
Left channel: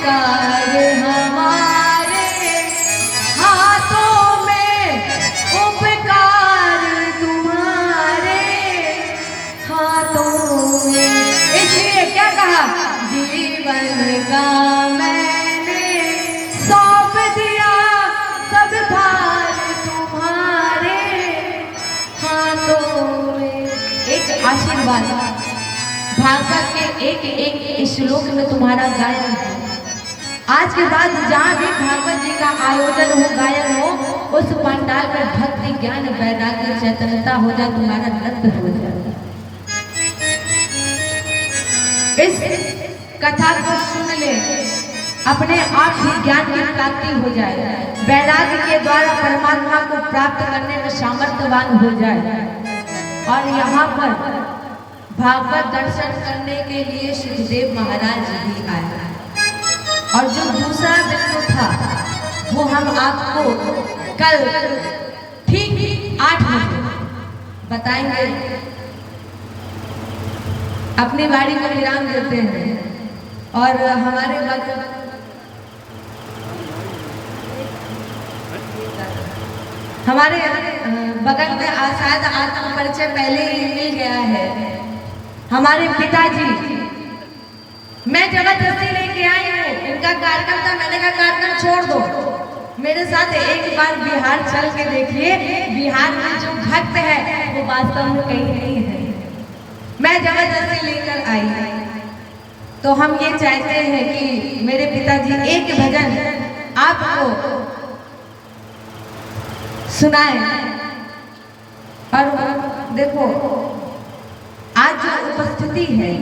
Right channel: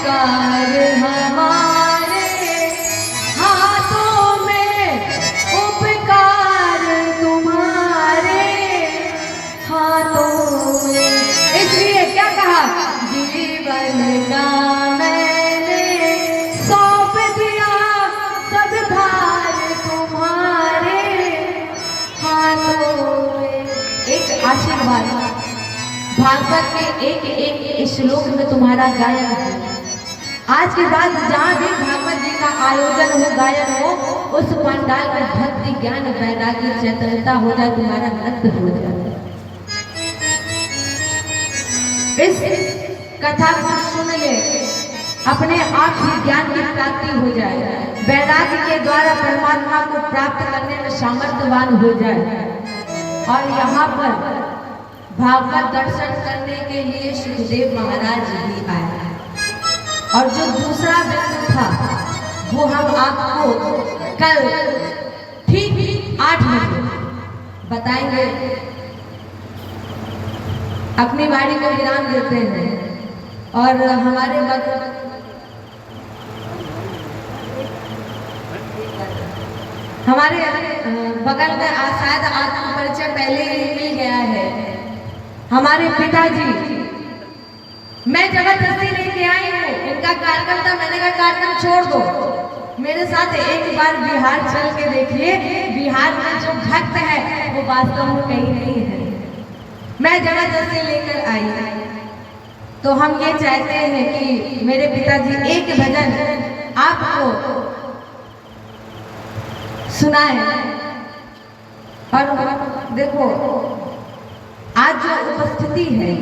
उपकार हमारे हाथों में, उपकार तुम्हारे हाथों में। इसलिए क्या कहा, जीवन का मैंने सौंप दिया सब भार तुम्हारे हाथों में। एक आशीर्वाद भागवत के एक एक श्लोक में तुम्हारा गायन है। आज के बाद जहाँ भी भागवत जी का आयोजन हो, गायन हो, उस पंडाल में भक्ति ज्ञान वैराग्य चैतन्यता हो जाए, तुम्हारा नृत्य हो जाए। इस कथा को सुन ले, अपने आप ही ज्ञान की प्राप्ति हो जाए, वैराग्य के द्वारा परमात्मा को प्राप्त करने में सामर्थ्यवान हो जाए। और यहाँ पर भागवत दर्शन करने के लिए सुखदेव महाराज भी आए। और जो दूसरा बिंदु था वो हम आपको कल ठीक 8 बजे बताएंगे। अपनी वाणी को विराम देते हैं और हमारे बगल में शायद आत्म परिचय पहले ही मिल गया है। हमारे पिताजी, मैं जबरदस्ती लेके आई हूँ, इनका कार्यक्रम था, मैंने कहा कार्यक्रम छोड़ दो, मेरे साथ एक बार बिहार चल के देखिए। बिहार में जो भक्त है वो वास्तव में कहीं नहीं है। मैं जबरदस्ती लेकर आई। तो हम ये चाहते हैं कि मेरे पिताजी एक भजन आपको सुनाए। और देखो, आज जो उपस्थिति है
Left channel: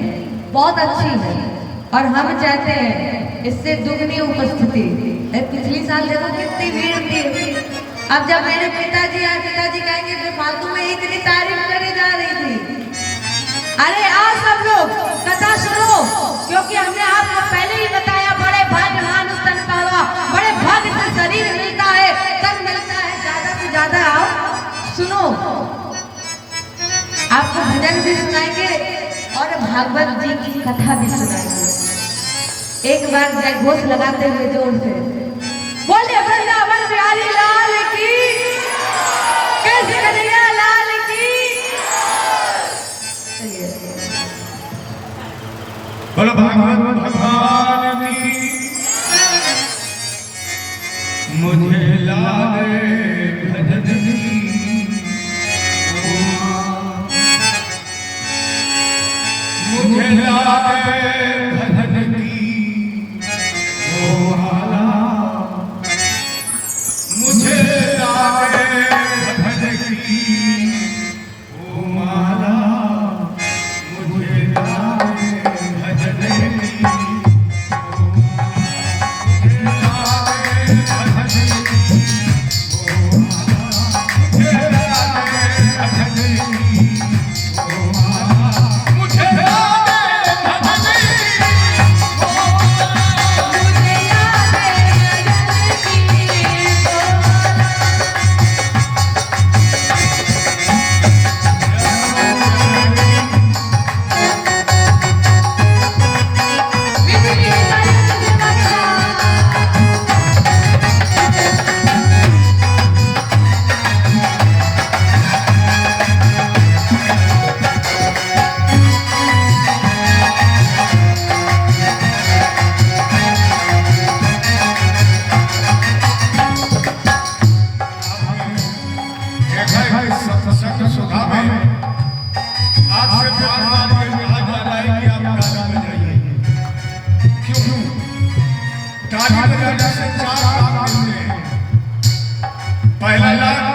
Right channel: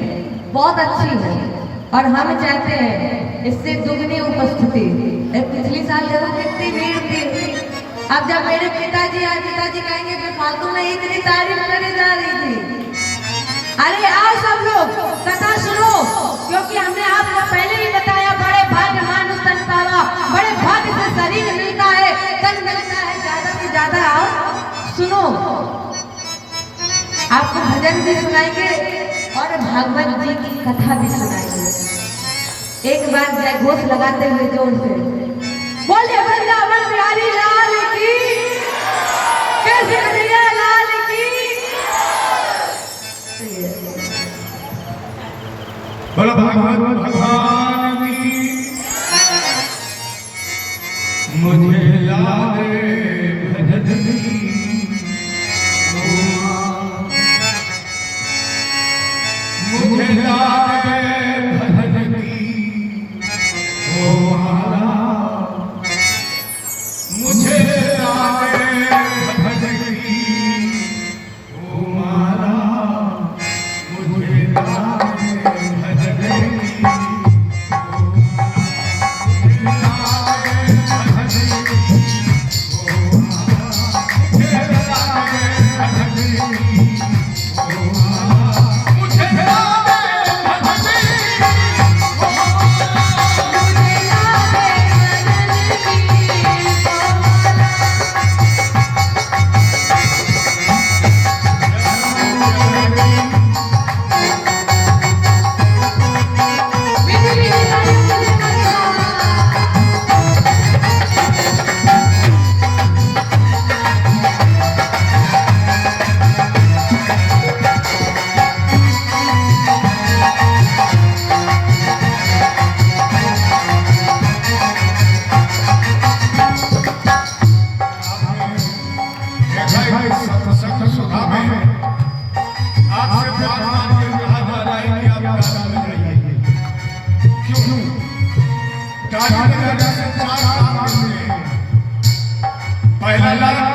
बहुत अच्छी है और हम चाहते हैं इससे दुगनी उपस्थिति। पिछली साल देखो कितनी भीड़ थी। अब जब मेरे पिताजी आए, पिताजी कहेंगे बेफालतू में इतनी तारीफ करे जा रही थी। अरे आओ सब लोग कथा सुनो, क्योंकि हमने आपको पहले ही बताया, बड़े भाग्य मानुष तन पावा, बड़े भाग्य से शरीर मिलता है, तन मिलता है। ज्यादा से ज्यादा आओ सुनो, आपको भजन भी सुनाएंगे और भागवत जी की कथा भी सुनाएंगे। एक बार जय घोष लगाते हुए जोर से बोलिए वृंदावन बिहारी लाल की, कृष्ण कन्हैया लाल की। बोलो भागवत भगवान की। मुझे लागे भजन मुझे लागे भजन की ओ माला, मुझे लागे भजन की ओ माला, मुझे लागे भजन की ओ पहला